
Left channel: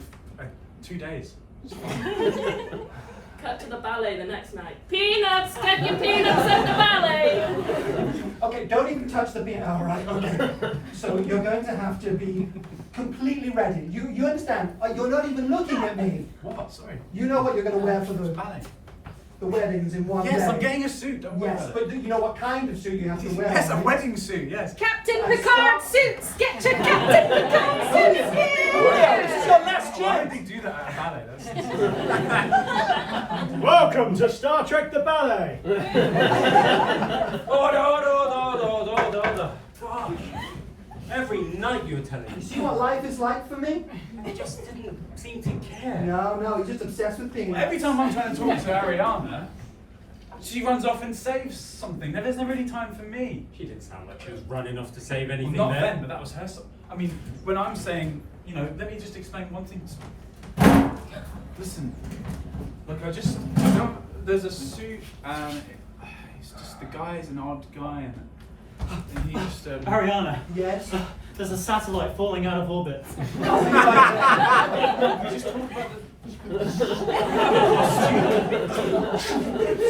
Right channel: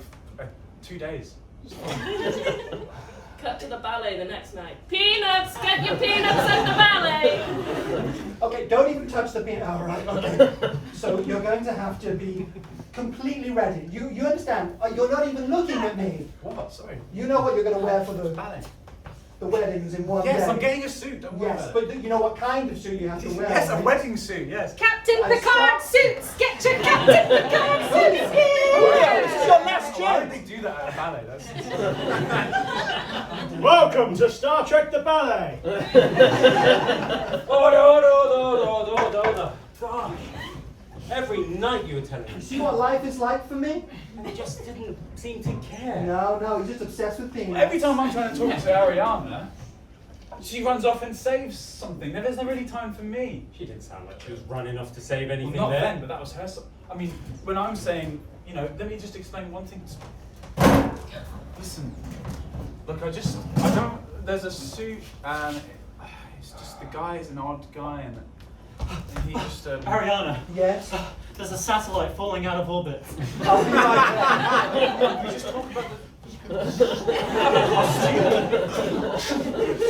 2 days. Cut to the ballet the next night. Peanuts, get your peanuts at the ballet. Okay, don't even touch the peanut. All right. Okay. So you're going to have to be completely ready. You understand? You're not even looking at me. What? Sorry. You know what you're going to wear for It's the ballet. weddings in one day. Yes, I'm getting a suit. Don't worry Yes, about but it. do you know what kind of suit you have to wear? Yes, a right? wedding suit. Yes. Captain I Picard saw- suits! Get your Captain Picard suits here! Why would they do that at a ballet? That's Welcome to Star Trek the Ballet. Order. Gosh. Every night you were telling You me. see what life is like for me? You just didn't seem to care. No, he's just obsessed with peanuts. Every time I'm trying to talk to Ariana, she runs off and saves something. There isn't really time for me. She didn't sound like she was running off to save Well, anything not there. then, but that was her. I mean, when I'm saying, let me just explain one thing. Listen, look, I don't. There's a suit, and it's just the guy is an odd guy, and he just. Ariana, Yes. there's a satellite falling out of orbit. I'll be right We just talk about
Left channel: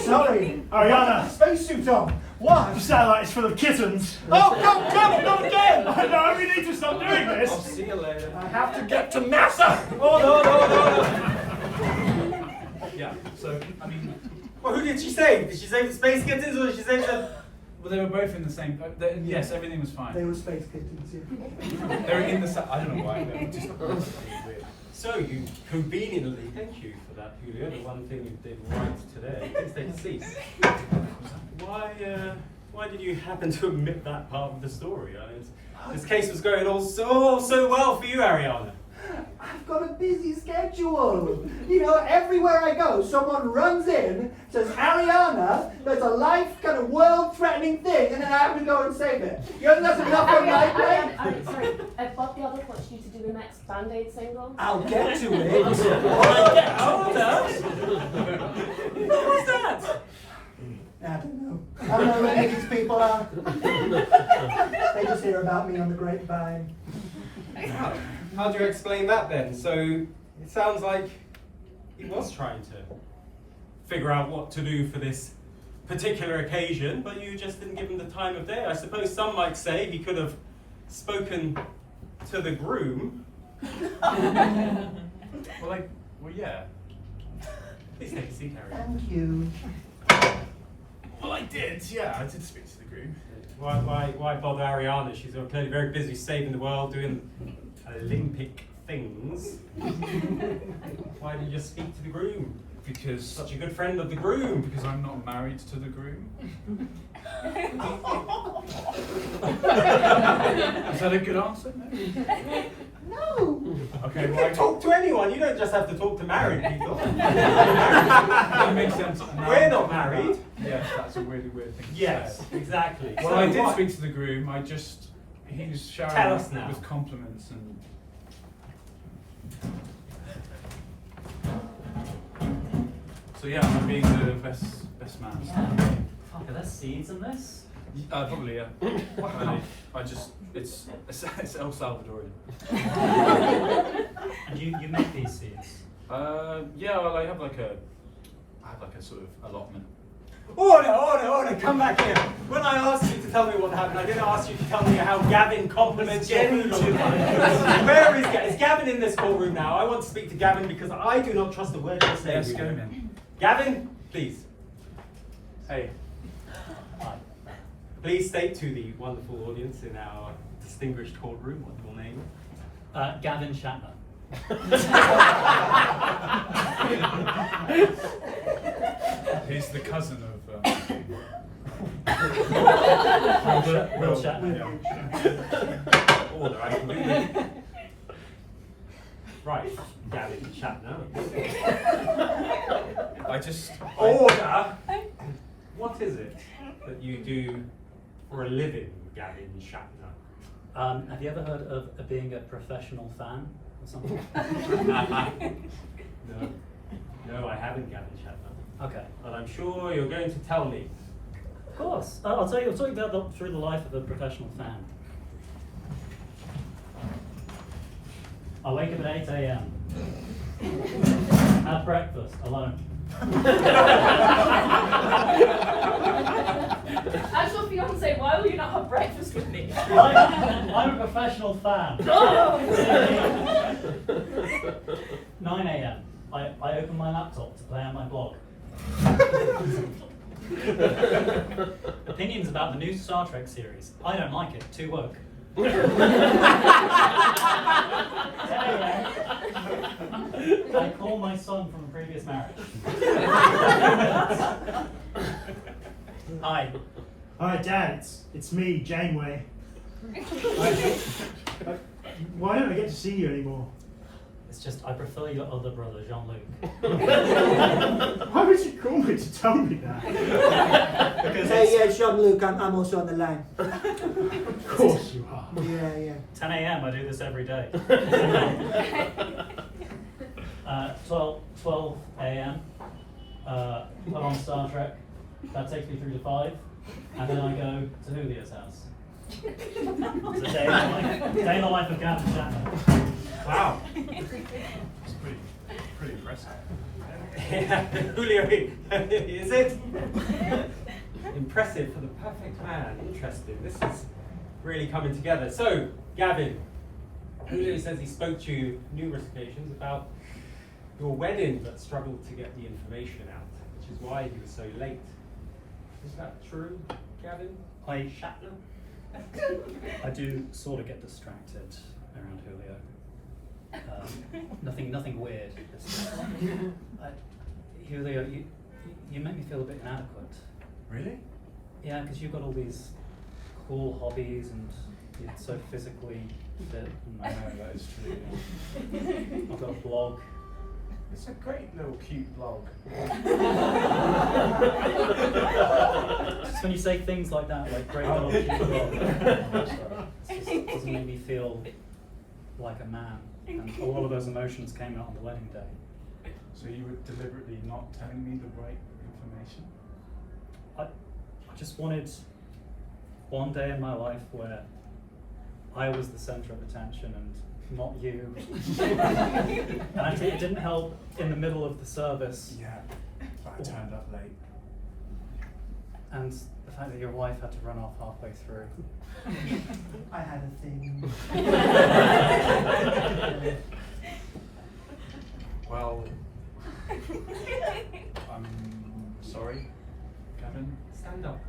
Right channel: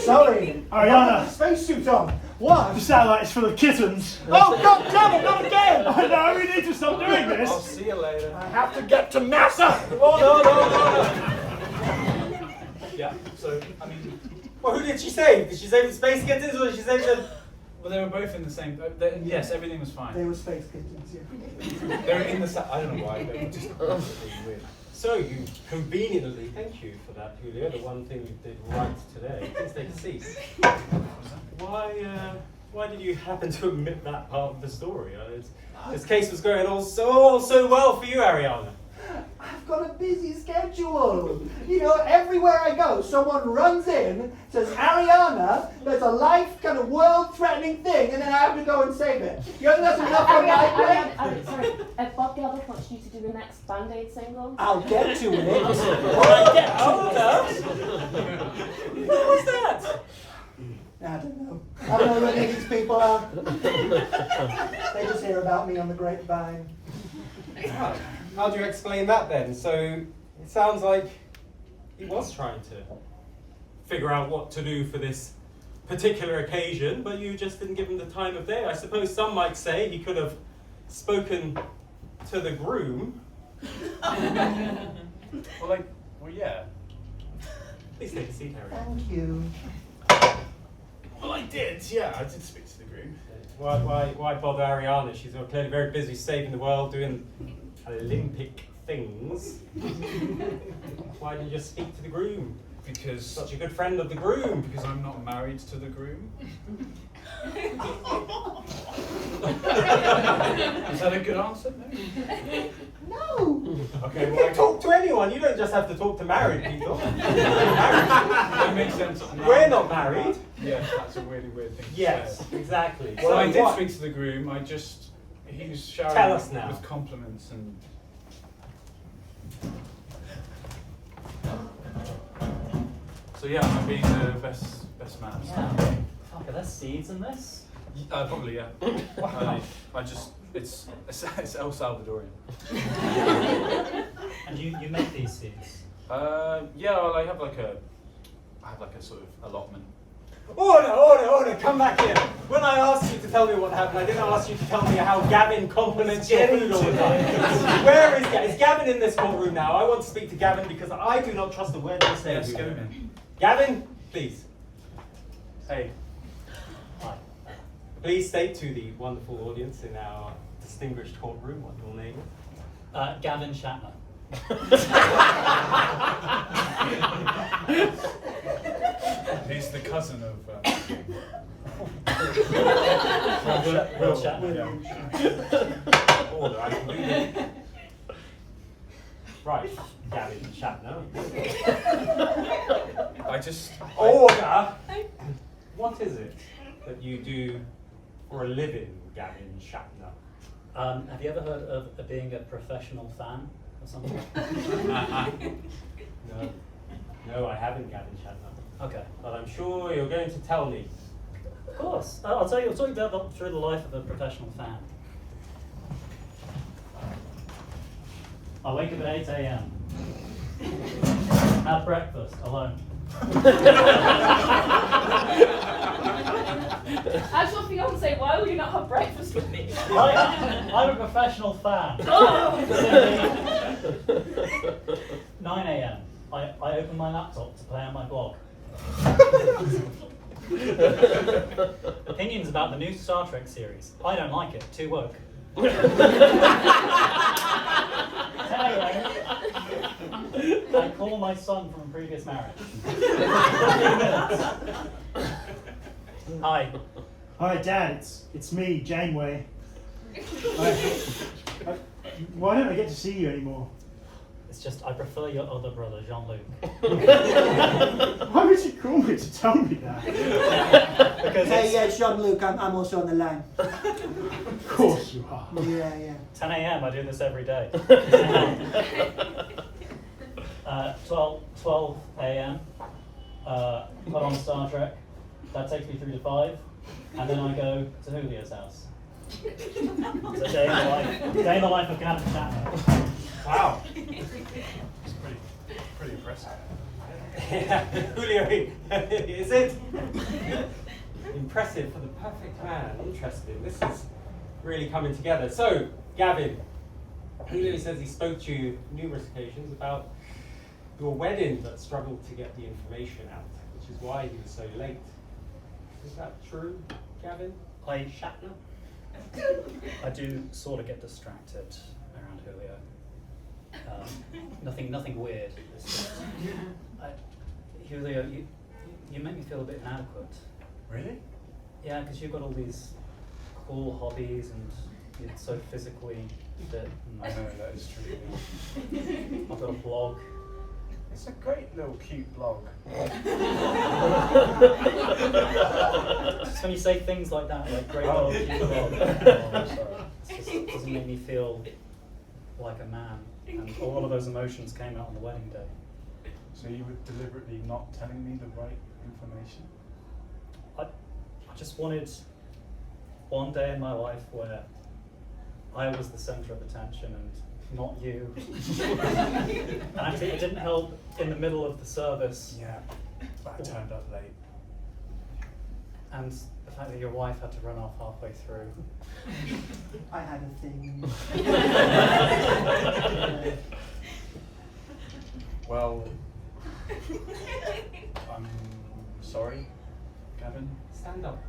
Sorry. Ariana. Spacesuit on. What? The satellite is full of kittens. Oh, God damn it, not again! No, we need to stop doing I'll this. see you later. I have to get to NASA! Yeah. So I mean, Well, who did she save? Did she save the space kittens or did she save the... well, they were both in the same. Yes, everything was They fine. were space kittens, yeah. They were in the. I don't know why. They were just weird. So you conveniently, thank you for that, Julia, the one thing you did right today. Please take a seat. Why did you happen to omit that part of the story? I mean, this case was going all so well for you, Ariana. I've got a busy schedule. Everywhere I go, someone runs in, says, Ariana, there's a life kind of world-threatening thing, and then I have to go and save it. You think that's enough on my plate? Sorry, Bob Geldof wants you to do the next Band-Aid single. I'll get to it. What was that? I don't know. I don't know who these people are. They just hear about me on the grapevine. How do you explain that then? So it sounds like he was trying to figure out what to do for this particular occasion, but you just didn't give him the time of day. I suppose some might say he could have spoken to the groom. Well, yeah. Please take a seat, Harry. Thank you. Well, I did. Yeah, I did speak to the groom. Why bother Ariana? She's clearly very busy saving the world, doing Olympic things. Why did you just speak to the groom? Because Such a good friend of the groom. Because I'm not married to the groom. Is that a good answer? No. Okay, You well, can talk to anyone. You don't just have to talk to married people. that makes sense. We're not married. Yes, that's a really weird thing to Yes, say. exactly. Well, So I did what- speak to the groom. He was showering Tell us now. with compliments and. So yeah, I'm being the best man. Yeah. Okay, there's seeds in this. Probably yeah. I just it's El Salvadorian. And you make these seeds. Yeah, well, I have like a sort of allotment. Order, come back here. When I asked you to tell me what happened, I didn't ask you to tell me how Gavin compliments your food all the time. Where is Gavin? Is Gavin in this courtroom now? I want to speak to Gavin because I do not trust a word you say. Let's get him in. Gavin, please. Hey. Hi. Please state to the wonderful audience in our distinguished courtroom what your name is. Gavin Shatner. He's the cousin of. Will Shatner. Yeah. Oh, absolutely. Right, Gavin Shatner. Order! What is it that you do for a living, Gavin Shatner? Have you ever heard of being a professional fan or something? No, I haven't, Gavin Shatner. Okay. But I'm sure you're going to tell me. Of course. I'll tell you about through the life of a professional fan. I wake up at 8 a.m. Have breakfast alone. As your fiance, why will you not have breakfast with me? I'm a professional fan. 9 a.m. I open my laptop to play on my blog. Opinions about the new Star Trek series. I don't like it. Too woke. 10 a.m. I call my son from a previous marriage. Hi. Hi, Dad. It's me, Janeway. Why don't I get to see you anymore? It's just I prefer your other brother, Jean-Luc. Why would you call me to tell me that? Because Hey, it's Jean-Luc, I'm also on the line. Of course you are. Yeah. 10 a.m. I do this every day. 12 a.m. Put on Star Trek. That takes me through to 5, and then I go to Julio's house. It's a day in the life of Camden Camden. Wow. It's pretty impressive. Julio, is it? Impressive for the perfect man. Interesting. This is really coming together. So, Gavin, Julio says he spoke to you numerous occasions about your wedding, but struggled to get the information out, which is why he was so late. Is that true, Gavin? Shatner? I do sort of get distracted around Julio. Nothing weird. Julio, you make me feel a bit inadequate. Really? Yeah, because you've got all these cool hobbies and you're so physically fit. I know that is true. Yeah. I've got a blog. It's a great little cute blog. Just when you say things like that, like great blog, cute blog, it just doesn't make me feel like a man. And a lot of those emotions came out on the wedding day. So you were deliberately not telling me the right information? I just wanted one day in my life where I was the centre of attention and not you. And actually, it didn't help in the middle of the service. Yeah, but I turned up late. And the fact that your wife had to run off halfway through. I had a thing. Well, I'm sorry, Gavin. Stand up.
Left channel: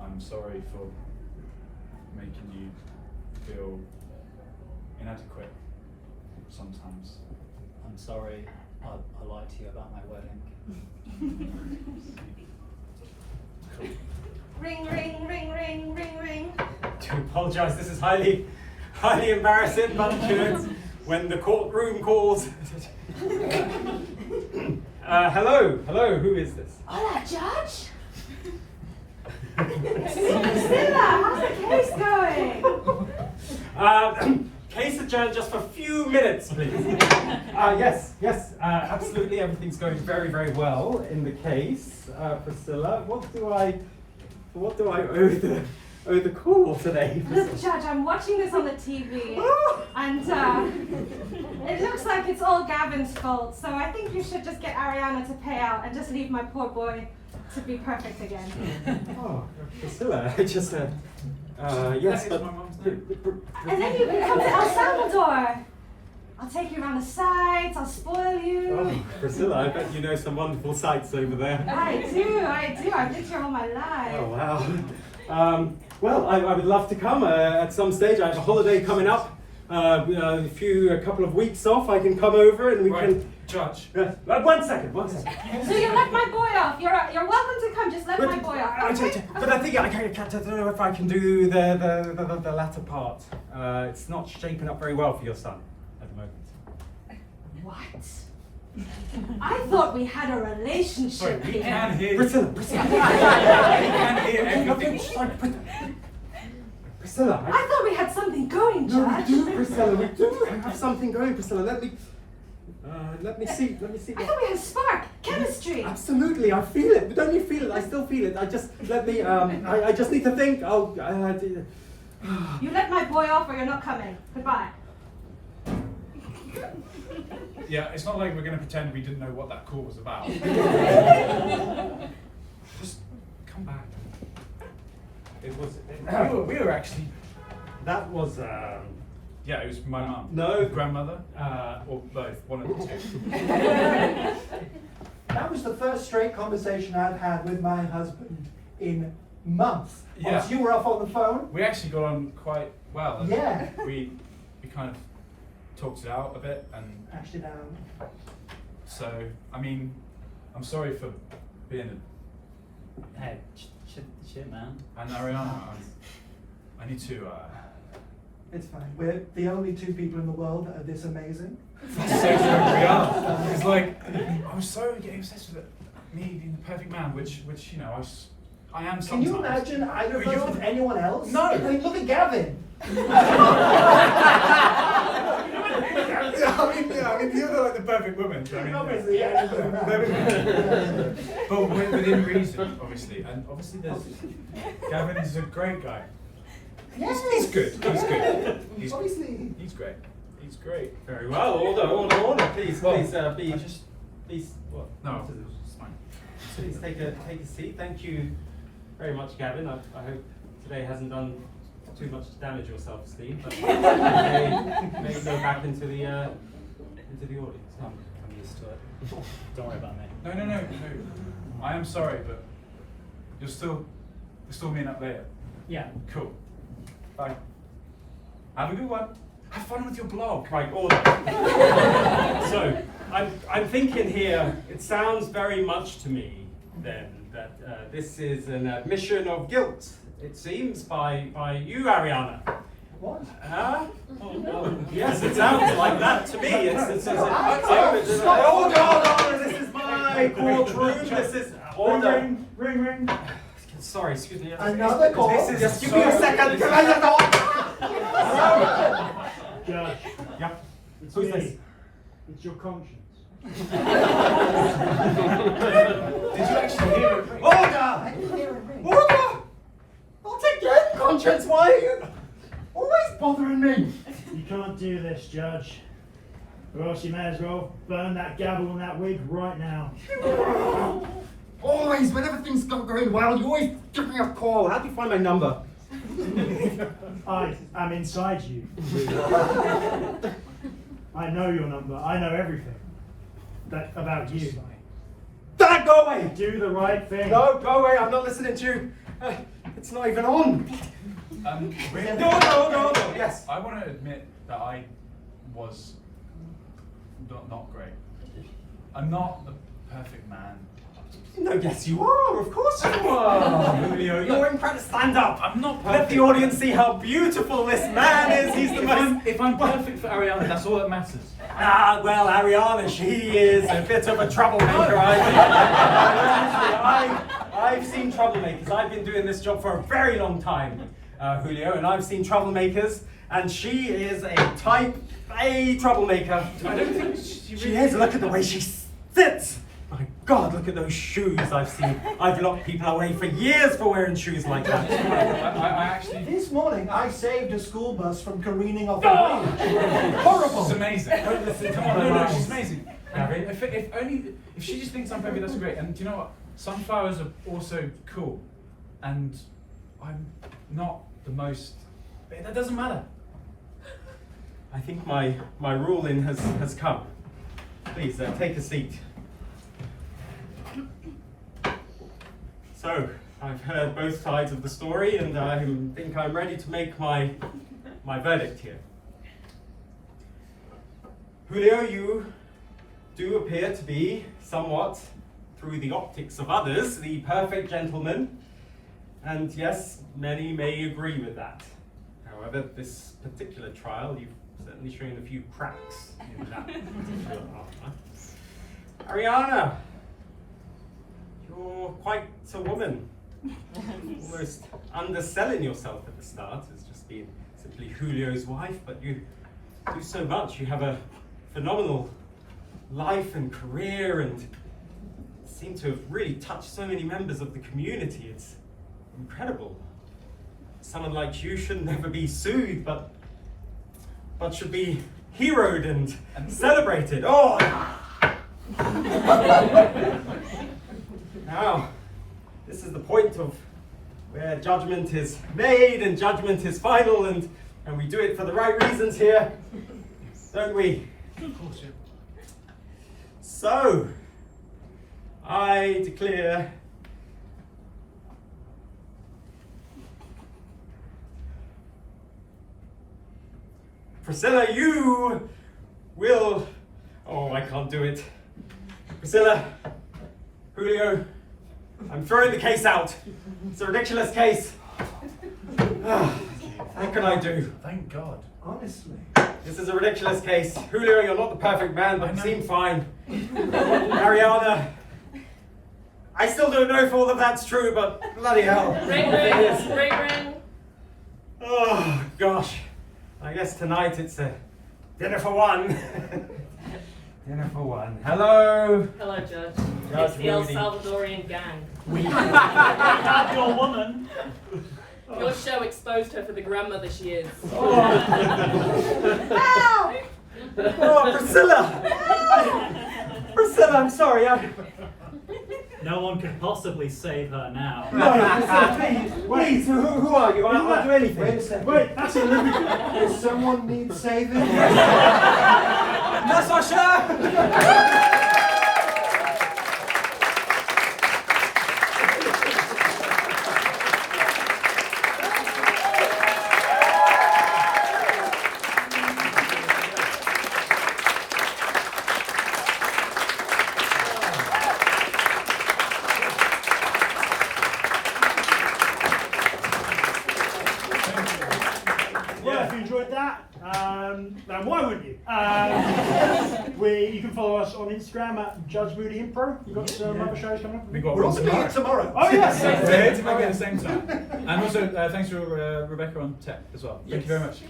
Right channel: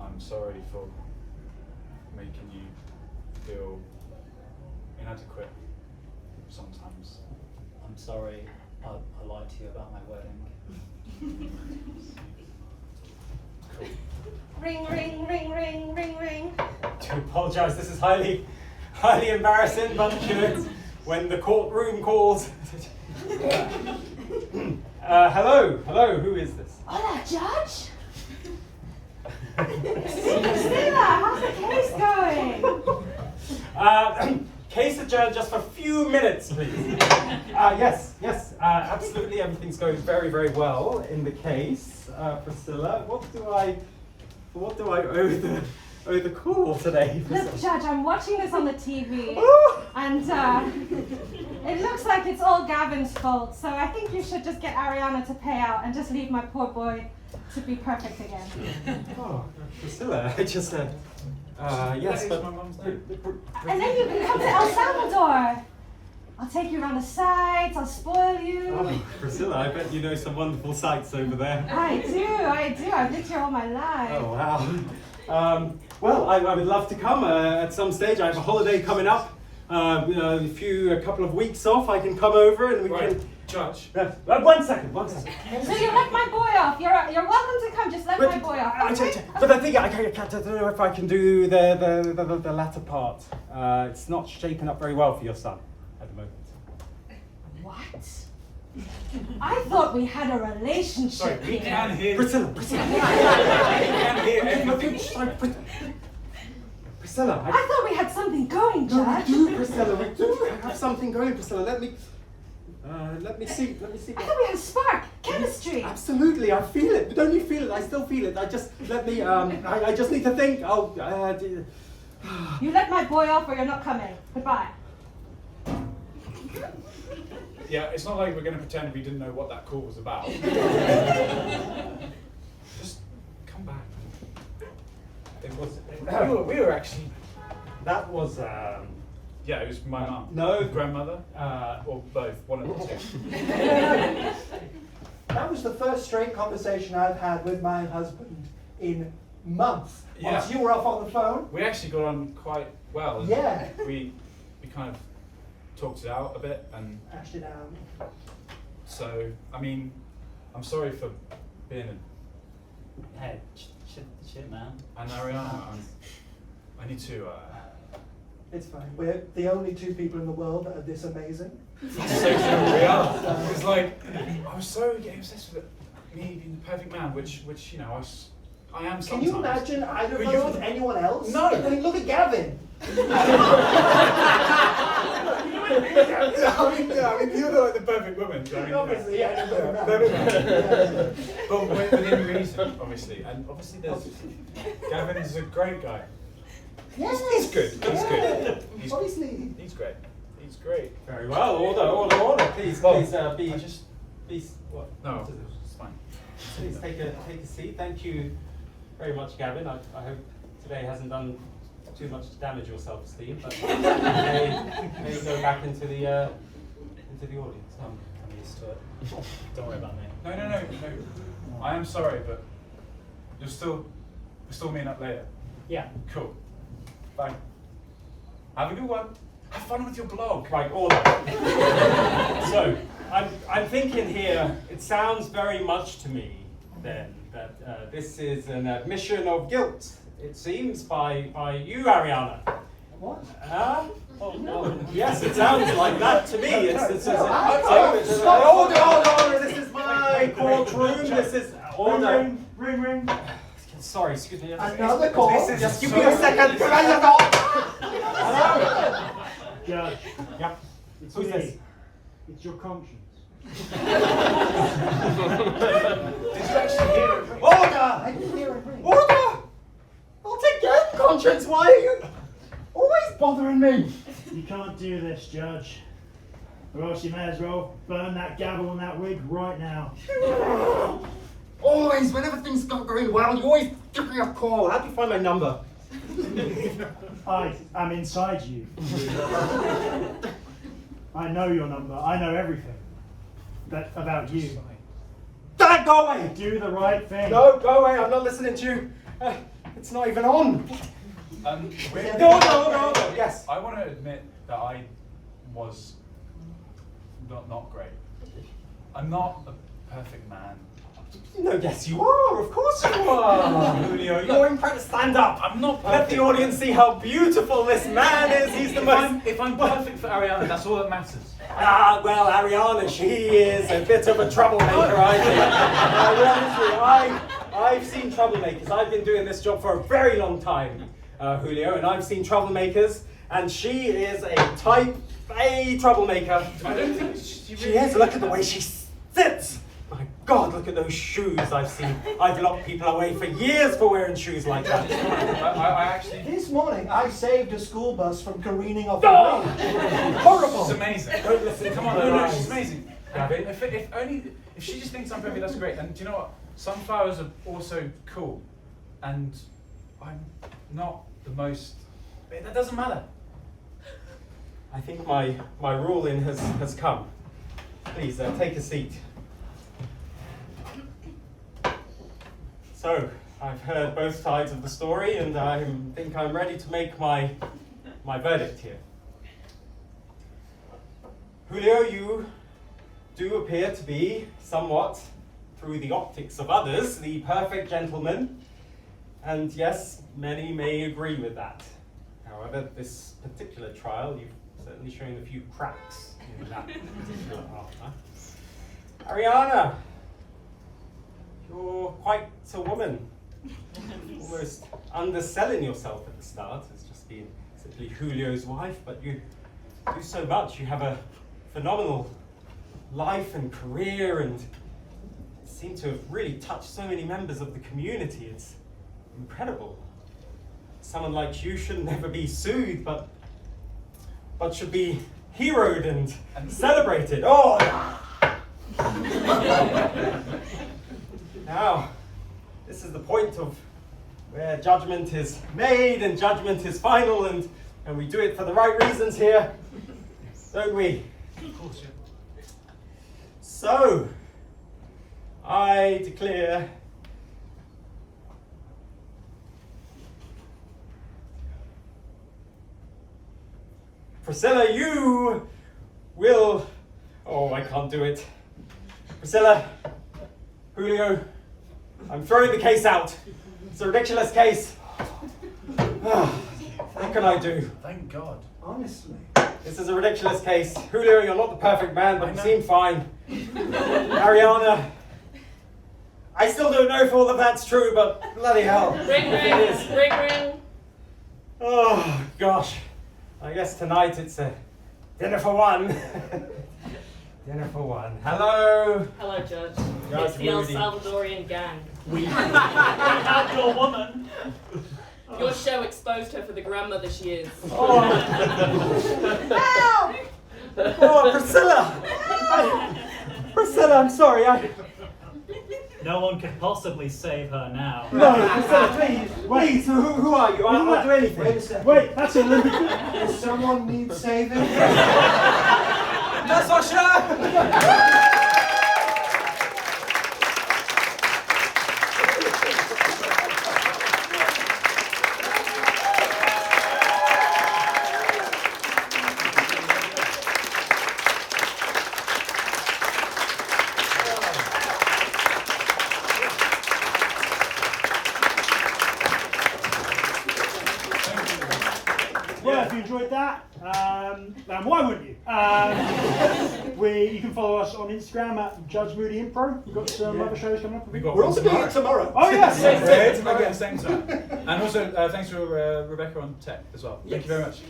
I'm sorry for making you feel inadequate sometimes. I'm sorry, I lied to you about my wedding. Ring, ring, ring, ring, ring, ring. I do apologise, this is highly embarrassing, but when the courtroom calls. Hello, who is this? Hola, Judge. Priscilla, how's the case going? Case adjourned just for a few minutes, please. Yes, absolutely everything's going very, very well in the case. Priscilla, what do I owe the call today? Look, Judge, I'm watching this on the TV, and it looks like it's all Gavin's fault, so I think you should just get Ariana to pay out and just leave my poor boy to be perfect again. Oh, Priscilla, I just said, yes, but... my mum's name. And then you can come to El Salvador. I'll take you around the sights, I'll spoil you. Oh, Priscilla, I bet you know some wonderful sights over there. I do. I've lived here all my life. Oh, wow. Well, I would love to come at some stage. I have a holiday coming up. A couple of weeks off. I can come over and we can. Judge. 1 second. So you let my boy off. You're welcome to come. Just let my boy off. Okay? But I think I don't know if I can do the latter part. It's not shaping up very well for your son at the moment. What? I thought we had a relationship. Sorry, we can hear. Priscilla. We can hear everything. Priscilla. I thought we had something going, No, we Judge. do, Priscilla. We do have something going, Priscilla. Let me see. I thought we had a spark, chemistry. Absolutely, I feel it. But don't you feel it? I still feel it. I just need to think. You let my boy off or you're not coming. Goodbye. Yeah, it's not like we're going to pretend we didn't know what that call was about. Just come back. It was. We were actually. That was, Yeah, it was my mum. No. Grandmother. Or both. One of the two. That was the first straight conversation I've had with my husband in months. Yeah. Once you were off on the phone. We actually got on quite well. And Yeah. We kind of talked it out a bit, and Hashed it out. so I mean, I'm sorry for being hey, shit, man. an Ariana. I need to. It's fine. We're the only two people in the world that are this amazing. Say to Ariana. It's like I was so getting obsessed with me being the perfect man, which you know I am sometimes. Can you imagine either But of us with anyone else? No. I mean, look at Gavin. I mean, you're not like the perfect woman. So I mean, Obviously, yeah. But within reason, obviously, and obviously Gavin is a great guy. Yes. He's good. He's Obviously. He's great. He's great. Very well. Order. Please, Well, please. What? No, it's fine. Please take a seat. Thank you very much, Gavin. I hope today hasn't done too much to damage your self-esteem, but may go back into the audience. I'm used to it. Don't worry about me. No. I am sorry, but we're still meeting up later. Yeah. Cool. Bye. Have a good one. Have fun with your blog. Right, order. So, I'm thinking here, it sounds very much to me then that this is an admission of guilt, it seems, by you, Ariana. What? Yes, it sounds like that to me. Order, this is my courtroom, this is order. Ring. Sorry, excuse me. Another call? Just give me a second. Judge. Yep. It's Who's me. this? It's your conscience. Did you actually hear it? I didn't hear it ring. Order! I'll take your conscience, why are you always bothering me? You can't do this, Judge. Or else you may as well burn that gavel and that wig right now. Always, whenever things start going well, you always give me a call. How do you find my number? I am inside you. I know your number. I know everything about you. Dad, go away! Do the right thing. No, go away, I'm not listening to you. It's not even on. No, yes. I want to admit that I was not great. I'm not a perfect man. No, yes you are, of course you are. Julio, you're in trying to stand up. I'm not Let perfect. the audience see how beautiful this man is. He's the most... If I'm perfect for Ariana, that's all that matters. Ah, well, Ariana, she is a bit of a troublemaker, I think. I've seen troublemakers. I've been doing this job for a very long time, Julio, and I've seen troublemakers, and she is a type A troublemaker. I don't think She is. Look at the way she sits. My God, look at those shoes I've seen. I've locked people away for years for wearing shoes like that. I actually. This morning, I saved a school bus from careening off the bridge. Horrible. She's amazing. Don't listen to Come on, her. no, she's amazing. Gavin. If she just thinks I'm perfect, that's great. And do you know what? Sunflowers are also cool, and I'm not the most. That doesn't matter. I think my ruling has come. Please, take a seat. So, I've heard both sides of the story, and I think I'm ready to make my verdict here. Julio, you do appear to be somewhat, through the optics of others, the perfect gentleman, and yes, many may agree with that. However, this particular trial, you've certainly shown a few cracks in that particular armor. Ariana, you're quite a woman. Almost underselling yourself at the start as just being simply Julio's wife, but you do so much. You have a phenomenal life and career and seem to have really touched so many members of the community. It's incredible. Someone like you should never be soothed, but should be heroed and celebrated. Oh! Now, this is the point of where judgment is made and judgment is final, and we do it for the right reasons here, don't we? So, I declare Priscilla, you will... Oh, I can't do it. Priscilla, Julio, I'm throwing the case out. It's a ridiculous case. What can I do? Thank God. Honestly. This is a ridiculous case. Julio, you're not the perfect man, but you seem fine. Ariana, I still don't know if all of that's true, but bloody hell. Ring, ring, ring, ring. Oh, gosh. I guess tonight it's a dinner for one. Dinner for one. Hello. Hello, Judge. Judge It's the El Moody. Salvadorian gang. We have your woman. Your show exposed her for the grandmother she is. Oh, Priscilla! Priscilla, I'm sorry. No one could possibly save her now. No, Priscilla, please, who are you? I'll do anything. Wait a second. Wait, that's it. Does someone need saving? No, Sasha! Well, if you enjoyed that, and why wouldn't you? You can follow us on Instagram at Judge Moody Impro. We've got some other shows coming up. We're also doing it tomorrow. Oh, yes! Again, same time. And also, thanks to Rebecca on tech as well. Thank you very much.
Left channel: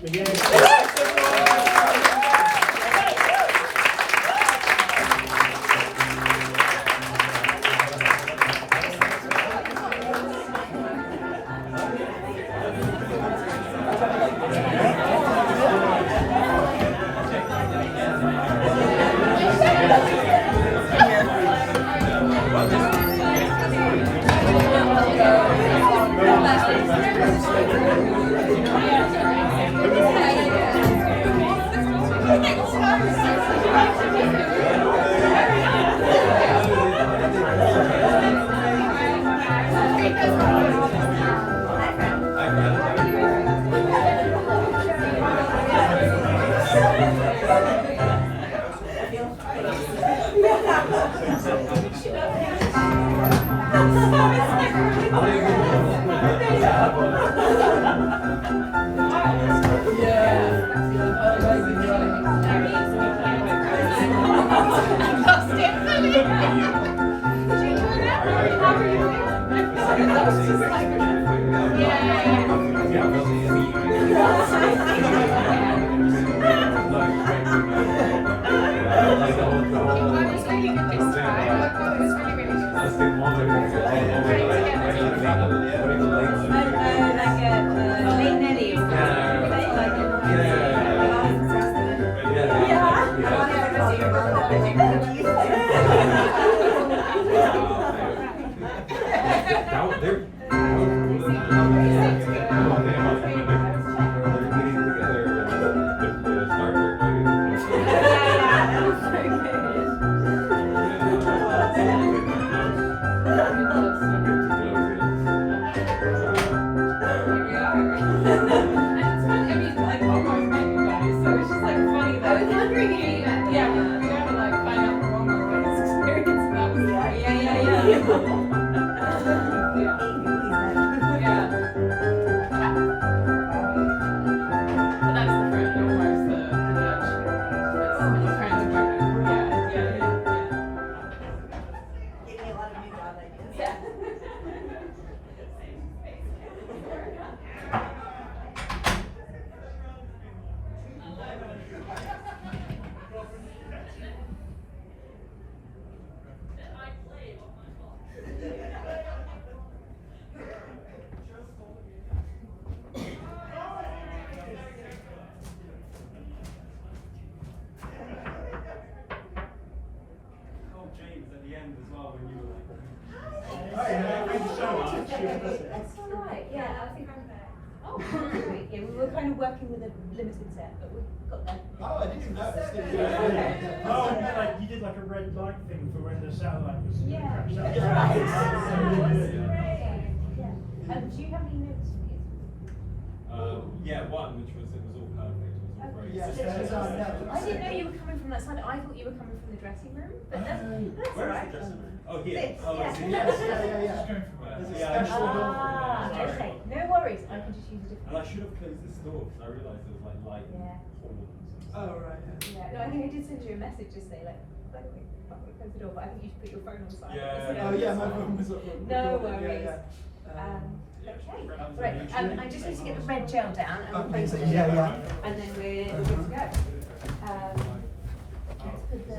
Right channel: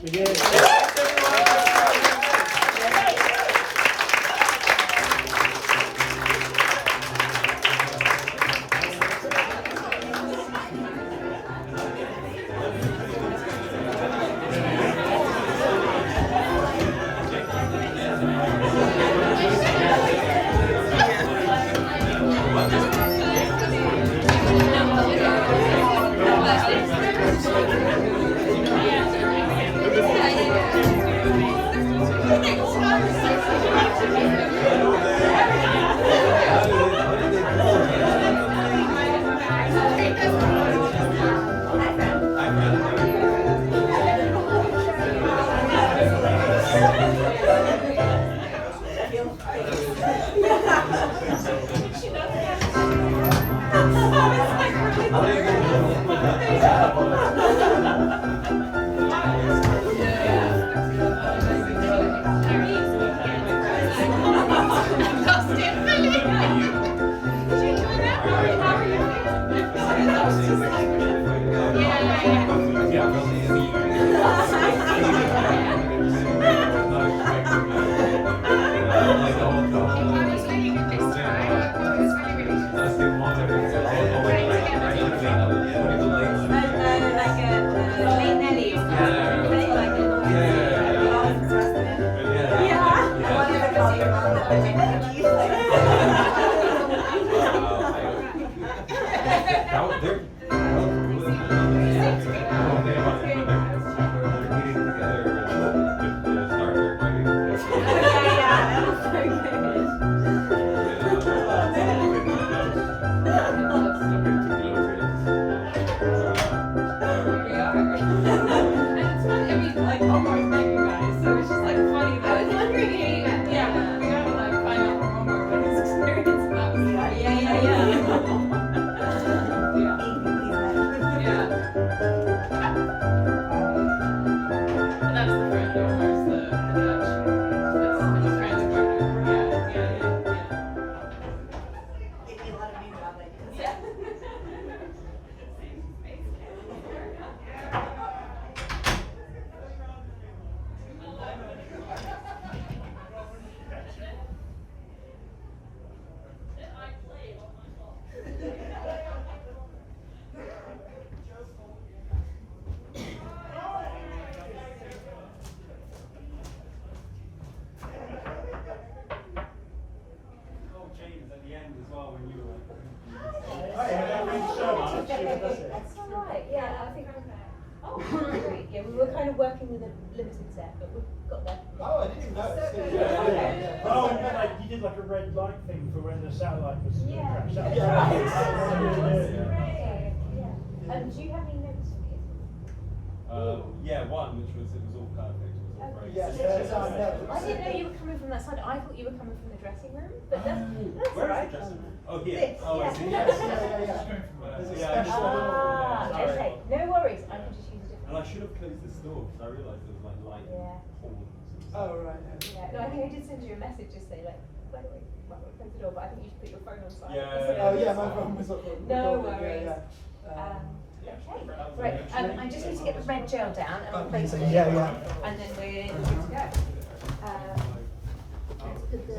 That's all right. Yeah, I think. Oh, great. Yeah, we were kind of working with a limited set, but we've got there. Oh, I didn't even notice. Oh, like you did like a red light thing for when the satellite was crashed out. Great. Yeah. Do you have any notes? Yeah, one which was it was all perfect. It was all great. Yes. I didn't know you were coming from that side. I thought you were coming from the dressing room, but that's Where all is the right. dressing room? Oh, here. This, Oh, I yeah. see. Yes, Yes. There's a Yeah, special door. Okay, no worries. I can just use a different. And I should have closed this door because I realised there was like light Yeah. and horns. Oh, right. Yeah. No, I think I did send you a message just say like, can't we close the door, but I think you should put your phone on silent. Yeah. Oh, yeah, my phone was up. No worries. Okay. Right. I just need to get the red gel down and replace it. Yeah, yeah. And then we're good to go. Let's put the